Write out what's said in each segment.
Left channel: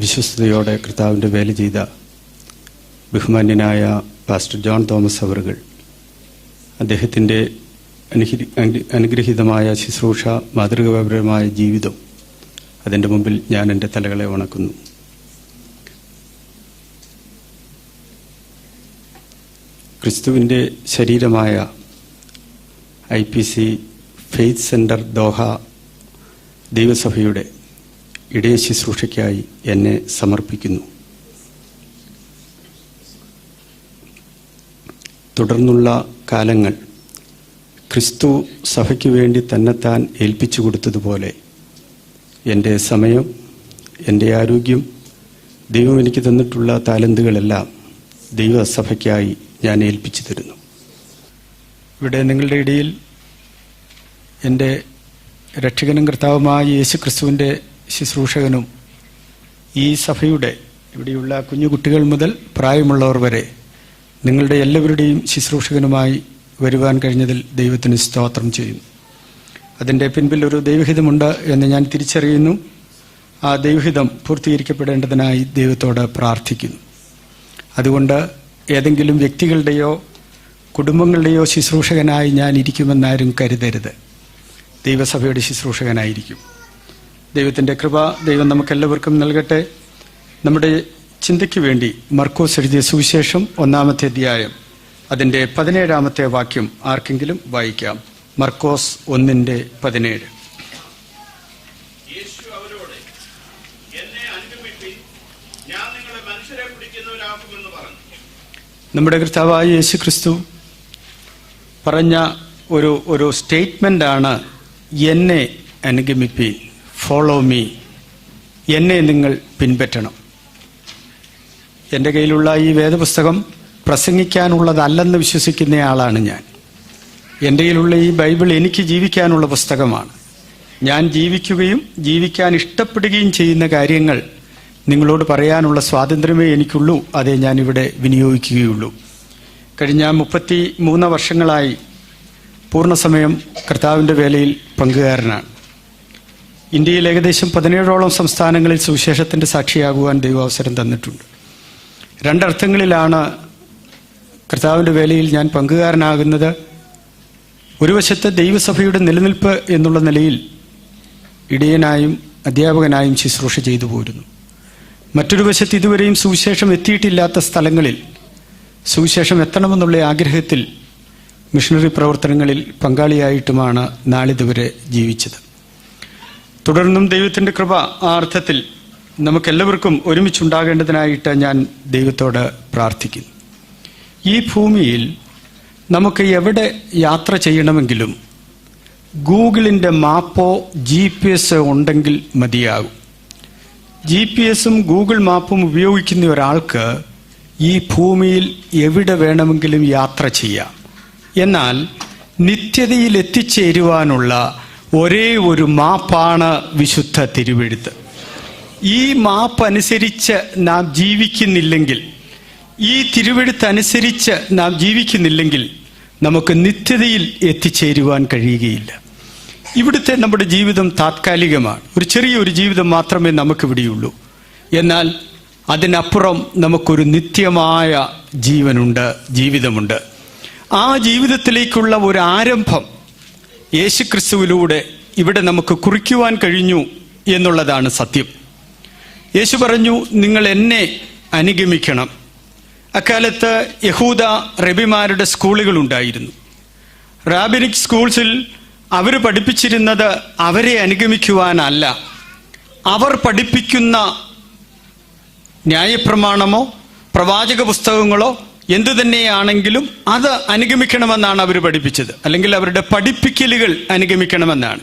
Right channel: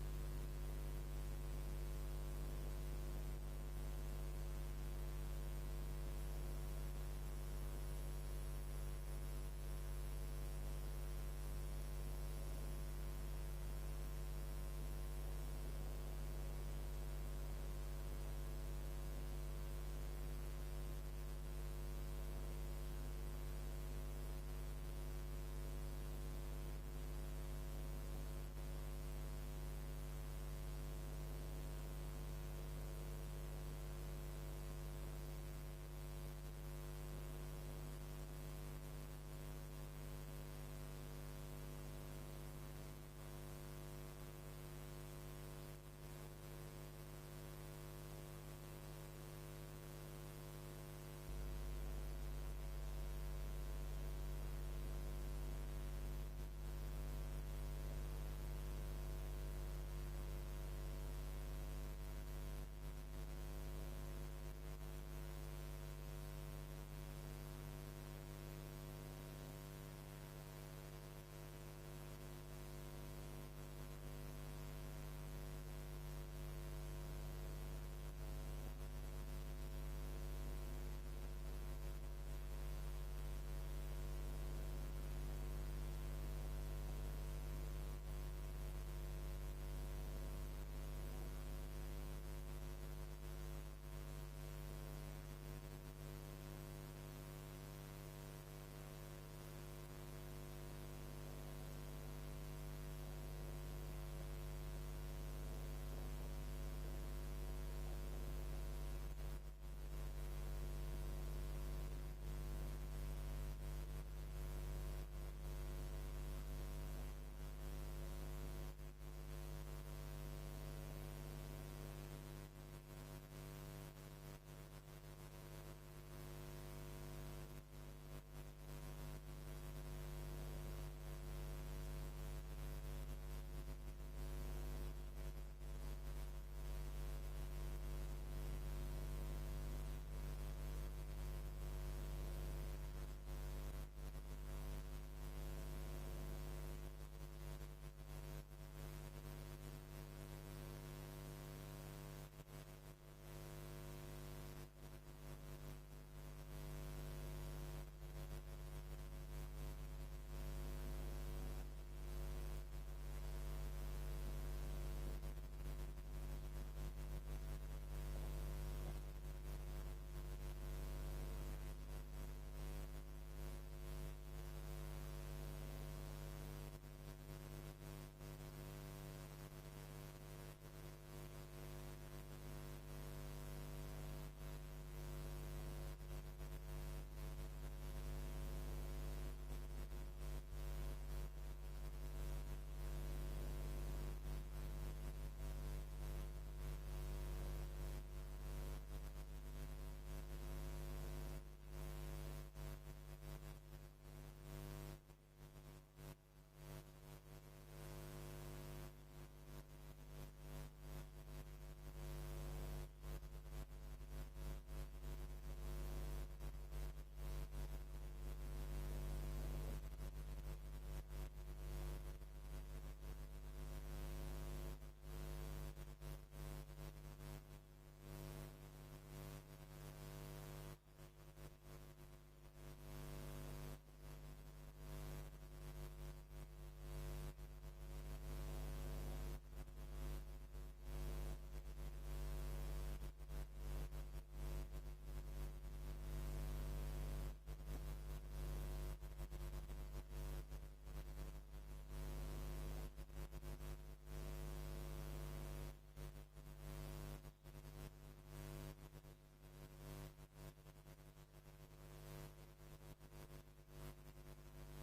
വിശ്വസ്തയോടെ കർത്താവിൻ്റെ വേല ചെയ്ത ബഹുമാന്യനായ പാസ്റ്റർ ജോൺ തോമസ് അവറുകൾ, അദ്ദേഹത്തിൻ്റെ അനുഗ്രഹീതമായ ശുശ്രൂഷ, മാതൃകാപരമായ ജീവിതം, അതിൻ്റെ മുമ്പിൽ ഞാൻ എൻ്റെ തലകളെ വണക്കുന്നു. ക്രിസ്തുവിൻ്റെ ശരീരമായ IPC ഫെയ്ത്ത് സെൻറ്റർ ദോഹ ദൈവസഭയുടെ ഇടയ ശുശ്രൂഷയ്ക്കായി എന്നെ സമർപ്പിക്കുന്നു. തുടർന്നുള്ള കാലങ്ങൾ ക്രിസ്തു സഭയ്ക്ക് വേണ്ടി തന്നെത്താൻ ഏൽപ്പിച്ചു കൊടുത്തതുപോലെ എൻ്റെ സമയം, എൻ്റെ ആരോഗ്യം, ദൈവം എനിക്ക് തന്നിട്ടുള്ള താലന്തുകളെല്ലാം ദൈവസഭയ്ക്കായി ഞാൻ ഏൽപ്പിച്ചു തരുന്നു. ഇവിടെ നിങ്ങളുടെ ഇടയിൽ എൻ്റെ രക്ഷകനും കർത്താവുമായ യേശു ക്രിസ്തുവിൻ്റെ ശുശ്രൂഷകനും ഈ സഭയുടെ ഇവിടെയുള്ള കുഞ്ഞുകുട്ടികൾ മുതൽ പ്രായമുള്ളവർ വരെ നിങ്ങളുടെ എല്ലാവരുടെയും ശുശ്രൂഷകനുമായി വരുവാൻ കഴിഞ്ഞതിൽ ദൈവത്തിന് സ്തോത്രം ചെയ്യുന്നു. അതിൻ്റെ പിൻപിൽ ഒരു ദൈവഹിതമുണ്ട് എന്ന് ഞാൻ തിരിച്ചറിയുന്നു. ആ ദൈവഹിതം പൂർത്തീകരിക്കപ്പെടേണ്ടതിനായി ദൈവത്തോട് പ്രാർത്ഥിക്കുന്നു. അതുകൊണ്ട് ഏതെങ്കിലും വ്യക്തികളുടെയോ കുടുംബങ്ങളുടെയോ ശുശ്രൂഷകനായി ഞാൻ ഇരിക്കുമെന്നാരും കരുതരുത്. ദൈവസഭയുടെ ശുശ്രൂഷകനായിരിക്കും. ദൈവത്തിൻ്റെ കൃപ ദൈവം നമുക്കെല്ലാവർക്കും നൽകട്ടെ. നമ്മുടെ ചിന്തയ്ക്ക് വേണ്ടി മർക്കോസ് എഴുതിയ സുവിശേഷം 1-ാമത്തെ അധ്യായം അതിൻ്റെ 17-ാമത്തെ വാക്യം ആർക്കെങ്കിലും വായിക്കാം. മർക്കോസ് 1:17. നമ്മുടെ കർത്താവായ യേശു ക്രിസ്തു പറഞ്ഞ ഒരു സ്റ്റേറ്റ്മെൻ്റാണ്, എന്നെ അനുഗമിപ്പീൻ, ഫോളോ മീ, എന്നെ നിങ്ങൾ പിൻപറ്റണം. എൻ്റെ കയ്യിലുള്ള ഈ വേദപുസ്തകം പ്രസംഗിക്കാനുള്ളതല്ലെന്ന് വിശ്വസിക്കുന്നയാളാണ് ഞാൻ. എൻ്റെ കയ്യിലുള്ള ഈ ബൈബിൾ എനിക്ക് ജീവിക്കാനുള്ള പുസ്തകമാണ്. ഞാൻ ജീവിക്കുകയും ജീവിക്കാൻ ഇഷ്ടപ്പെടുകയും ചെയ്യുന്ന കാര്യങ്ങൾ നിങ്ങളോട് പറയാനുള്ള സ്വാതന്ത്ര്യമേ എനിക്കുള്ളൂ. അതേ ഞാനിവിടെ വിനിയോഗിക്കുകയുള്ളൂ. കഴിഞ്ഞ 33 വർഷങ്ങളായി പൂർണ്ണസമയം കർത്താവിൻ്റെ വേലയിൽ പങ്കുകാരനാണ്. ഇന്ത്യയിൽ ഏകദേശം 17ഓളം സംസ്ഥാനങ്ങളിൽ സുവിശേഷത്തിൻ്റെ സാക്ഷിയാകുവാൻ ദൈവം അവസരം തന്നിട്ടുണ്ട്. രണ്ടർത്ഥങ്ങളിലാണ് കർത്താവിൻ്റെ വേലയിൽ ഞാൻ പങ്കുകാരനാകുന്നത്. ഒരു വശത്ത് ദൈവസഭയുടെ നിലനിൽപ്പ് എന്നുള്ള നിലയിൽ ഇടയനായും അധ്യാപകനായും ശുശ്രൂഷ ചെയ്തു പോരുന്നു. മറ്റൊരു വശത്ത് ഇതുവരെയും സുവിശേഷം എത്തിയിട്ടില്ലാത്ത സ്ഥലങ്ങളിൽ സുവിശേഷം എത്തണമെന്നുള്ള ആഗ്രഹത്തിൽ മിഷണറി പ്രവർത്തനങ്ങളിൽ പങ്കാളിയായിട്ടുമാണ് നാളിതുവരെ ജീവിച്ചത്. തുടർന്നും ദൈവത്തിൻ്റെ കൃപ ആ അർത്ഥത്തിൽ നമുക്കെല്ലാവർക്കും ഒരുമിച്ചുണ്ടാകേണ്ടതിനായിട്ട് ഞാൻ ദൈവത്തോട് പ്രാർത്ഥിക്കുന്നു. ഈ ഭൂമിയിൽ നമുക്ക് എവിടെ യാത്ര ചെയ്യണമെങ്കിലും ഗൂഗിളിൻ്റെ മാപ്പോ GPS ഉണ്ടെങ്കിൽ മതിയാകും. GPS ഗൂഗിൾ മാപ്പും ഉപയോഗിക്കുന്ന ഒരാൾക്ക് ഈ ഭൂമിയിൽ എവിടെ വേണമെങ്കിലും യാത്ര ചെയ്യാം. എന്നാൽ നിത്യതയിൽ എത്തിച്ചേരുവാനുള്ള ഒരേ ഒരു മാപ്പാണ് വിശുദ്ധ തിരുവെഴുത്ത്. ഈ മാപ്പ് അനുസരിച്ച് നാം ജീവിക്കുന്നില്ലെങ്കിൽ, ഈ തിരുവെഴുത്തനുസരിച്ച് നാം ജീവിക്കുന്നില്ലെങ്കിൽ നമുക്ക് നിത്യതയിൽ എത്തിച്ചേരുവാൻ കഴിയുകയില്ല. ഇവിടുത്തെ നമ്മുടെ ജീവിതം താത്കാലികമാണ്. ഒരു ചെറിയൊരു ജീവിതം മാത്രമേ നമുക്കിവിടെയുള്ളൂ. എന്നാൽ അതിനപ്പുറം നമുക്കൊരു നിത്യമായ ജീവിതമുണ്ട്. ആ ജീവിതത്തിലേക്കുള്ള ഒരു ആരംഭം യേശുക്രിസ്തുവിലൂടെ ഇവിടെ നമുക്ക് കുറിക്കുവാൻ കഴിഞ്ഞു എന്നുള്ളതാണ് സത്യം. യേശു പറഞ്ഞു, നിങ്ങൾ എന്നെ അനുഗമിക്കണം. അക്കാലത്ത് യഹൂദ റബിമാരുടെ സ്കൂളുകൾ ഉണ്ടായിരുന്നു. റാബിനിക് സ്കൂൾസിൽ അവർ പഠിപ്പിച്ചിരുന്നത് അവരെ അനുഗമിക്കുവാനല്ല, അവർ പഠിപ്പിക്കുന്ന ന്യായപ്രമാണമോ പ്രവാചക പുസ്തകങ്ങളോ എന്തു തന്നെയാണെങ്കിലും അത് അനുഗമിക്കണമെന്നാണ് അവർ പഠിപ്പിച്ചത്. അല്ലെങ്കിൽ അവരുടെ പഠിപ്പിക്കലുകൾ അനുഗമിക്കണമെന്നാണ്.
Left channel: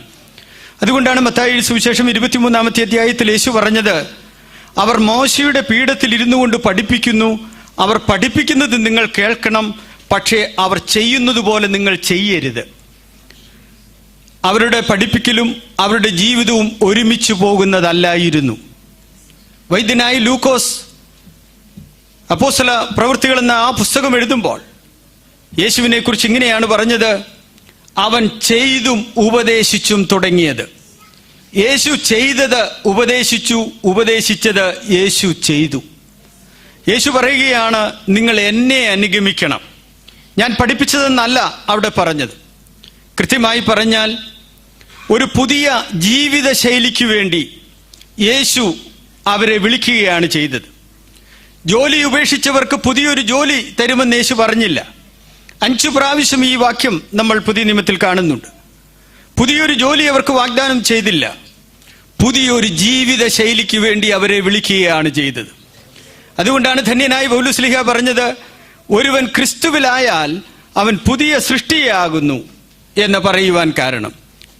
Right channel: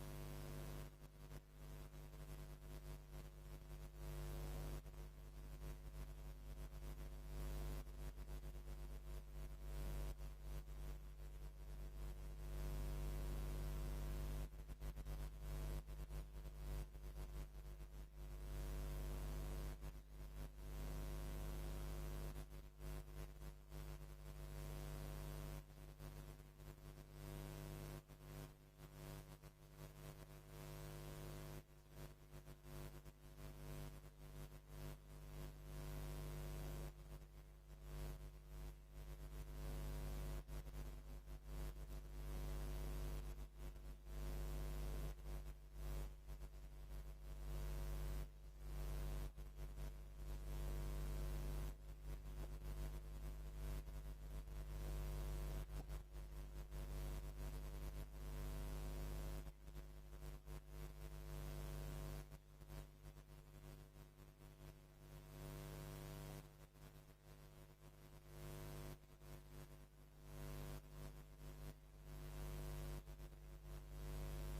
അതുകൊണ്ടാണ് മത്തായി സുവിശേഷം 23-ാമത്തെ അധ്യായത്തിൽ യേശു പറഞ്ഞത്, അവർ മോശയുടെ പീഠത്തിൽ ഇരുന്നു കൊണ്ട് പഠിപ്പിക്കുന്നു, അവർ പഠിപ്പിക്കുന്നത് നിങ്ങൾ കേൾക്കണം, പക്ഷേ അവർ ചെയ്യുന്നത് പോലെ നിങ്ങൾ ചെയ്യരുത്. അവരുടെ പഠിപ്പിക്കലും അവരുടെ ജീവിതവും ഒരുമിച്ച് പോകുന്നതല്ലായിരുന്നു. വൈദ്യനായി ലൂക്കോസ് അപ്പോസ്തല പ്രവൃത്തികൾ എന്ന ആ പുസ്തകം എഴുതുമ്പോൾ യേശുവിനെ കുറിച്ച് ഇങ്ങനെയാണ് പറഞ്ഞത്, അവൻ ചെയ്തും ഉപദേശിച്ചും തുടങ്ങിയത്. യേശു ചെയ്തത് ഉപദേശിച്ചു, ഉപദേശിച്ചത് യേശു ചെയ്തു. യേശു പറയുകയാണ്, നിങ്ങൾ എന്നെ അനുഗമിക്കണം. ഞാൻ പഠിപ്പിച്ചതെന്നല്ല അവിടെ പറഞ്ഞത്. കൃത്യമായി പറഞ്ഞാൽ ഒരു പുതിയ ജീവിത ശൈലിക്ക് വേണ്ടി യേശു അവരെ വിളിക്കുകയാണ് ചെയ്തത്. ജോലി ഉപേക്ഷിച്ചവർക്ക് പുതിയൊരു ജോലി തരുമെന്ന് യേശു പറഞ്ഞില്ല. 5 പ്രാവശ്യം ഈ വാക്യം നമ്മൾ പുതിയ നിയമത്തിൽ കാണുന്നുണ്ട്. പുതിയൊരു ജോലി അവർക്ക് വാഗ്ദാനം ചെയ്തില്ല. പുതിയൊരു ജീവിത ശൈലിക്ക് വേണ്ടി അവരെ വിളിക്കുകയാണ് ചെയ്തത്. അതുകൊണ്ടാണ് ധന്യനായ പൗലോസ്ലീഹ പറഞ്ഞത്, ഒരുവൻ ക്രിസ്തുവിലായാൽ അവൻ പുതിയ സൃഷ്ടിയാകുന്നു എന്ന് പറയുവാൻ കാരണം,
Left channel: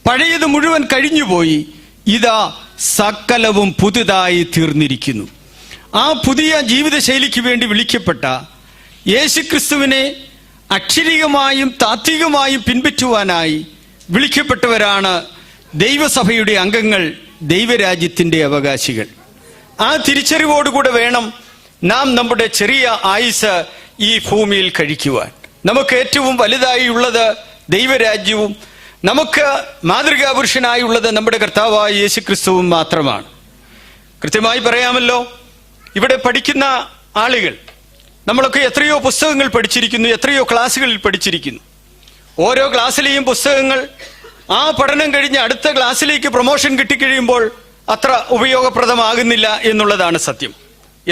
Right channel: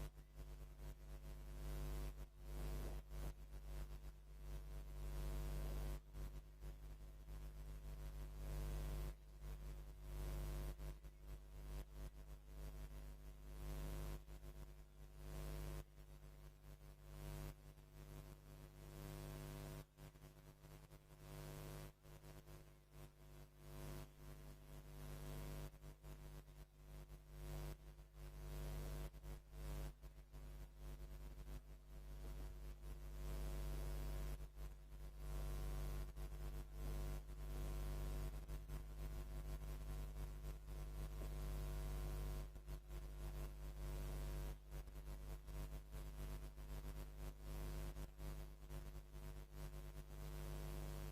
പഴയത് മുഴുവൻ കഴിഞ്ഞുപോയി, ഇതാ സകലവും പുതുതായി തീർന്നിരിക്കുന്നു. ആ പുതിയ ജീവിത ശൈലിക്ക് വേണ്ടി വിളിക്കപ്പെട്ട യേശുക്രിസ്തുവിനെ അക്ഷരികമായും താത്വികമായും പിൻപറ്റുവാനായി വിളിക്കപ്പെട്ടവരാണ് ദൈവസഭയുടെ അംഗങ്ങൾ, ദൈവരാജ്യത്തിന്റെ അവകാശികൾ. ആ തിരിച്ചറിവോടുകൂടെ വേണം നാം നമ്മുടെ ചെറിയ ആയുസ് ഈ ഭൂമിയിൽ കഴിക്കുവാൻ. നമുക്ക് ഏറ്റവും വലുതായി ഉള്ളത് ദൈവരാജ്യവും നമുക്ക് മാതൃകാപുരുഷനായുള്ളത് നമ്മുടെ കർത്താവായ യേശുക്രിസ്തുവും മാത്രമാണ്. കൃത്യമായി പറയാമല്ലോ, ഇവിടെ പഠിക്കുന്ന ആളുകൾ നമ്മളൊക്കെ എത്രയോ പുസ്തകങ്ങൾ പഠിച്ചിരിക്കുന്നു, എത്രയോ ക്ലാസ്സുകളിൽ പഠിച്ചിരിക്കുന്നു. ഓരോ ക്ലാസ്സിലെയും പുസ്തകങ്ങൾ ആ പഠനം കഴിഞ്ഞ് അടുത്ത ക്ലാസ്സിലേക്ക് പ്രൊമോഷൻ കിട്ടിക്കഴിയുമ്പോൾ അത്ര ഉപയോഗപ്രദമാകുന്നില്ല എന്നുള്ളതാണ് സത്യം.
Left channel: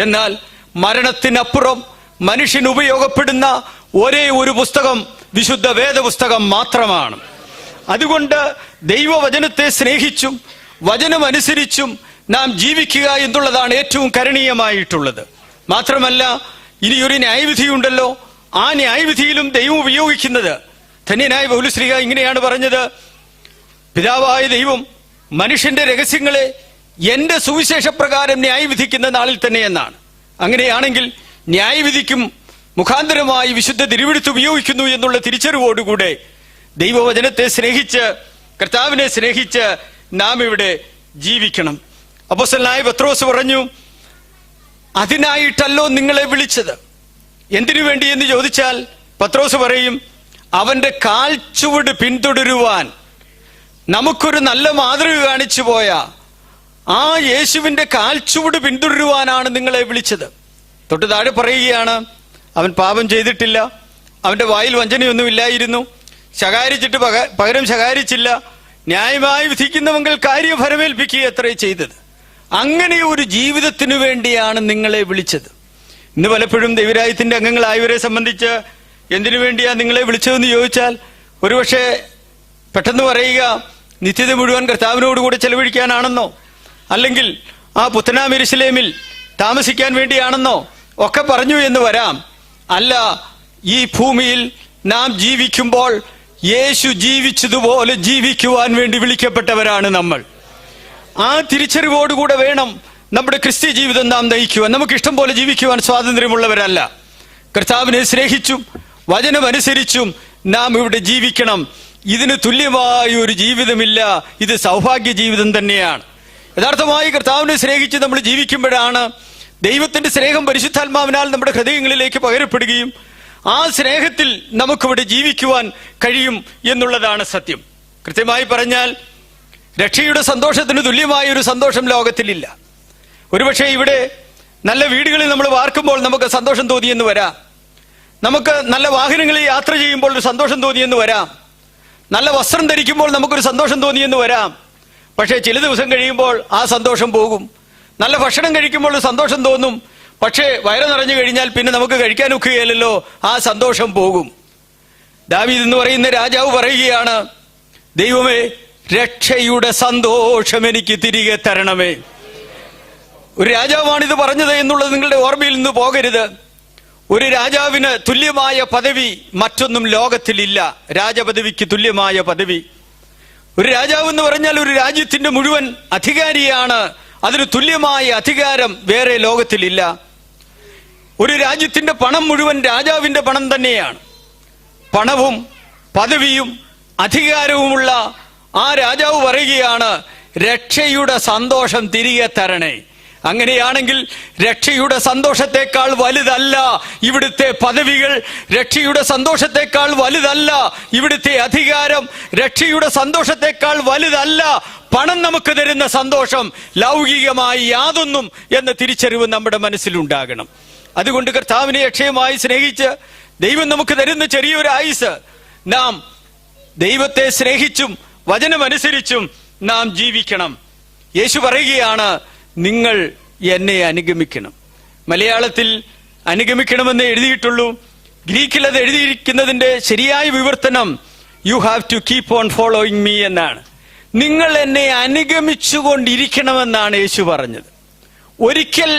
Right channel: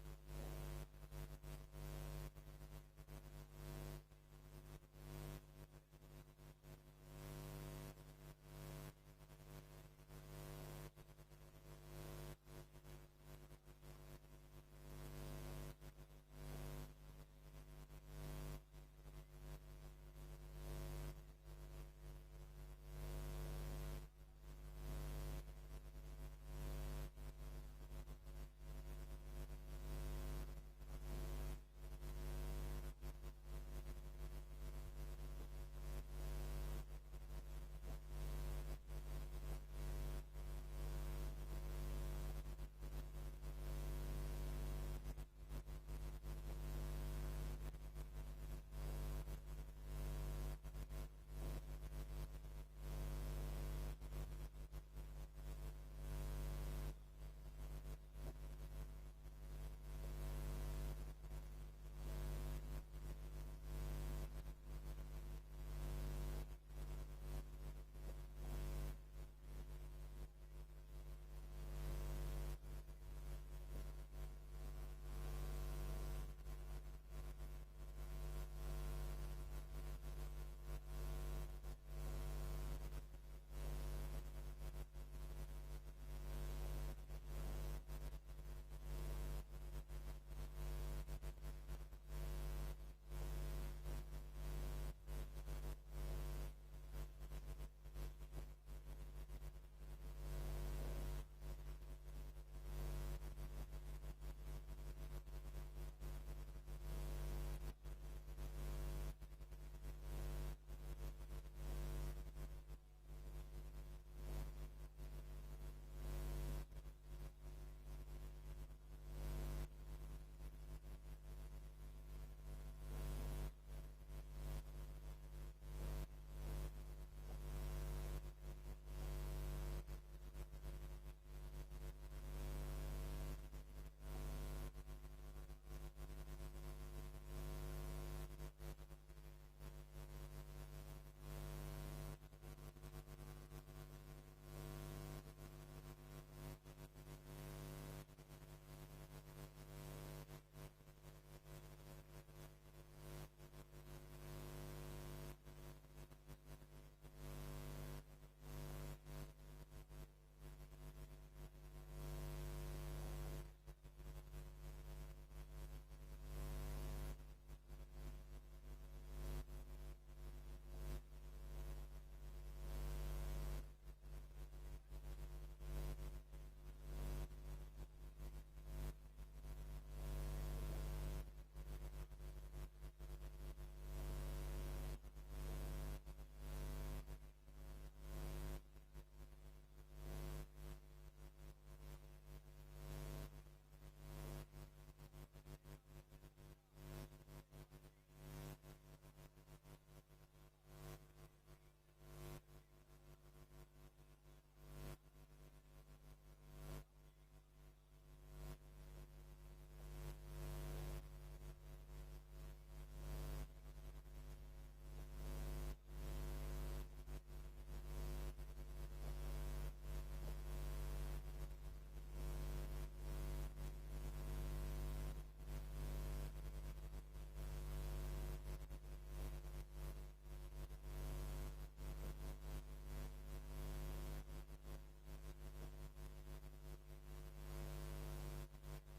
എന്നാൽ മരണത്തിനപ്പുറം മനുഷ്യന് ഉപയോഗപ്പെടുന്ന ഒരേ ഒരു പുസ്തകം വിശുദ്ധ വേദപുസ്തകം മാത്രമാണ്. അതുകൊണ്ട് ദൈവവചനത്തെ സ്നേഹിച്ചും വചനമനുസരിച്ചും നാം ജീവിക്കുക എന്നുള്ളതാണ് ഏറ്റവും കരണീയമായിട്ടുള്ളത്. മാത്രമല്ല, ഇനിയൊരു ന്യായവിധിയുണ്ടല്ലോ, ആ ന്യായവിധിയിലും ദൈവം ഉപയോഗിക്കുന്നത്, ധന്യനായ പൗലോസ്ലീഹ ഇങ്ങനെയാണ് പറഞ്ഞത്, പിതാവായ ദൈവം മനുഷ്യന്റെ രഹസ്യങ്ങളെ എന്റെ സുവിശേഷപ്രകാരം ന്യായവിധിക്കുന്ന നാളിൽ തന്നെ എന്നാണ്. അങ്ങനെയാണെങ്കിൽ ന്യായവിധിക്കും മുഖാന്തരമായി വിശുദ്ധ തിരുവെഴുത്ത് ഉപയോഗിക്കുന്നു എന്നുള്ള തിരിച്ചറിവോടുകൂടെ ദൈവവചനത്തെ സ്നേഹിച്ച് കർത്താവിനെ സ്നേഹിച്ച് നാം ഇവിടെ ജീവിക്കണം. അപ്പോസ്തലനായ പത്രോസ് പറഞ്ഞു, അതിനായിട്ടല്ലോ നിങ്ങളെ വിളിച്ചത്. എന്തിനു വേണ്ടി എന്ന് ചോദിച്ചാൽ പത്രോസ് പറയും, അവന്റെ കാൽച്ചുവട് പിന്തുടരുവാൻ നമുക്കൊരു നല്ല മാതൃക കാണിച്ചു പോയ ആ യേശുവിന്റെ കാൽച്ചുവട് പിന്തുടരുവാനാണ് നിങ്ങളെ വിളിച്ചത്. തൊട്ട് താഴെ പറയുകയാണ്, അവൻ പാപം ചെയ്തിട്ടില്ല, അവന്റെ വായിൽ വഞ്ചനയൊന്നും ഇല്ലായിരുന്നു, ശകാരിച്ചിട്ട് പകരം ശകാരിച്ചില്ല, ന്യായമായി വിധിക്കുന്നവങ്ങൾ കാര്യഫലമേൽപ്പിക്കുക അത്രേ ചെയ്തത്. അങ്ങനെ ഒരു ജീവിതത്തിനു വേണ്ടിയാണ് നിങ്ങളെ വിളിച്ചത്. ഇന്ന് പലപ്പോഴും ദൈവരാജ്യത്തിന്റെ അംഗങ്ങളായവരെ സംബന്ധിച്ച് എന്തിനു വേണ്ടിയാ നിങ്ങളെ വിളിച്ചതെന്ന് ചോദിച്ചാൽ ഒരുപക്ഷെ പെട്ടെന്ന് പറയുക, നിത്യത മുഴുവൻ കർത്താവിനോടുകൂടെ ചെലവഴിക്കാനാണെന്നോ, അല്ലെങ്കിൽ ആ പുത്തനാം യെരൂശലേമിൽ താമസിക്കാൻ വേണ്ടിയാണെന്നോ ഒക്കെ പറഞ്ഞു എന്ന് വരാം. അല്ല, ഈ ഭൂമിയിൽ നാം ജീവിക്കുമ്പോൾ യേശു ജീവിച്ചതുപോലെ ജീവിക്കുവാൻ വേണ്ടി വിളിക്കപ്പെട്ടവരാണ് നമ്മൾ. ആ തിരിച്ചറിവോടുകൂടെ വേണം നമ്മുടെ ക്രിസ്ത്യ ജീവിതം നാം നയിക്കുവാൻ. നമുക്ക് ഇഷ്ടം പോലെ ജീവിക്കുവാൻ സ്വാതന്ത്ര്യമുള്ളവരല്ല. കർത്താവിനെ സ്നേഹിച്ചും വചനമനുസരിച്ചും നാം ഇവിടെ ജീവിക്കണം. ഇതിന് തുല്യമായ ഒരു ജീവിതമില്ല. ഇത് സൗഭാഗ്യ ജീവിതം തന്നെയാണ്. യഥാർത്ഥമായി കർത്താവിനെ സ്നേഹിച്ച് നമ്മൾ ജീവിക്കുമ്പോഴാണ് ദൈവത്തിന്റെ സ്നേഹം പരിശുദ്ധാത്മാവിനാൽ നമ്മുടെ ഹൃദയങ്ങളിലേക്ക് പകരപ്പെടുകയും ആ സ്നേഹത്തിൽ നമുക്കിവിടെ ജീവിക്കുവാൻ കഴിയും എന്നുള്ളതാണ് സത്യം. കൃത്യമായി പറഞ്ഞാൽ രക്ഷയുടെ സന്തോഷത്തിന് തുല്യമായ ഒരു സന്തോഷം ലോകത്തിലില്ല. ഒരുപക്ഷെ ഇവിടെ നല്ല വീടുകളിൽ നമ്മൾ വാർക്കുമ്പോൾ നമുക്ക് സന്തോഷം തോന്നിയെന്ന് വരാം, നമുക്ക് നല്ല വാഹനങ്ങളിൽ യാത്ര ചെയ്യുമ്പോൾ ഒരു സന്തോഷം തോന്നിയെന്ന് വരാം, നല്ല വസ്ത്രം ധരിക്കുമ്പോൾ നമുക്കൊരു സന്തോഷം തോന്നിയെന്ന് വരാം. പക്ഷേ ചില ദിവസം കഴിയുമ്പോൾ ആ സന്തോഷം പോകും. നല്ല ഭക്ഷണം കഴിക്കുമ്പോൾ ഒരു സന്തോഷം തോന്നും, പക്ഷേ വയറ് നിറഞ്ഞു കഴിഞ്ഞാൽ പിന്നെ നമുക്ക് കഴിക്കാനൊക്കുകയില്ലല്ലോ, ആ സന്തോഷം പോകും. ദാവീദ് എന്ന് പറയുന്ന രാജാവ് പറയുകയാണ്, ദൈവമേ, രക്ഷയുടെ സന്തോഷം എനിക്ക് തിരികെ തരണമേ. ഒരു രാജാവാണിത് പറഞ്ഞത് എന്നുള്ളത് നിങ്ങളുടെ ഓർമ്മയിൽ നിന്ന് പോകരുത്. ഒരു രാജാവിന് തുല്യമായ പദവി മറ്റൊന്നും ലോകത്തിലില്ല. രാജപദവിക്ക് തുല്യമായ പദവി. ഒരു രാജാവ് എന്ന് പറഞ്ഞാൽ ഒരു രാജ്യത്തിന്റെ മുഴുവൻ അധികാരിയാണ്. അതിന് തുല്യമായ അധികാരം വേറെ ലോകത്തിലില്ല. ഒരു രാജ്യത്തിന്റെ പണം മുഴുവൻ രാജാവിന്റെ പണം തന്നെയാണ്. പണവും പദവിയും അധികാരവുമുള്ള ആ രാജാവ് പറയുകയാണ്, രക്ഷയുടെ സന്തോഷം തിരികെ തരണേ. അങ്ങനെയാണെങ്കിൽ രക്ഷയുടെ സന്തോഷത്തെക്കാൾ വലുതല്ല ഇവിടുത്തെ പദവികൾ, രക്ഷയുടെ സന്തോഷത്തെക്കാൾ വലുതല്ല ഇവിടുത്തെ അധികാരം, രക്ഷയുടെ സന്തോഷത്തെക്കാൾ വലുതല്ല പണം നമുക്ക് തരുന്ന സന്തോഷം, ലൗകികമായി യാതൊന്നും എന്ന തിരിച്ചറിവ് നമ്മുടെ മനസ്സിലുണ്ടാകണം. അതുകൊണ്ട് കർത്താവിനെ അക്ഷയമായി സ്നേഹിച്ച് ദൈവം നമുക്ക് തരുന്ന ചെറിയൊരു ആയുസ് നാം ദൈവത്തെ സ്നേഹിച്ചും വചനമനുസരിച്ചും നാം ജീവിക്കണം. യേശു പറയുകയാണ്, നിങ്ങൾ എന്നെ അനുഗമിക്കണം. മലയാളത്തിൽ അനുഗമിക്കണമെന്ന് എഴുതിയിട്ടുള്ളൂ. ഗ്രീക്കിൽ അത് എഴുതിയിരിക്കുന്നതിന്റെ ശരിയായ വിവർത്തനം you have to keep on following me എന്നാണ്. നിങ്ങൾ എന്നെ അനുഗമിച്ചുകൊണ്ടിരിക്കണമെന്നാണ് യേശു പറഞ്ഞത്. ഒരിക്കൽ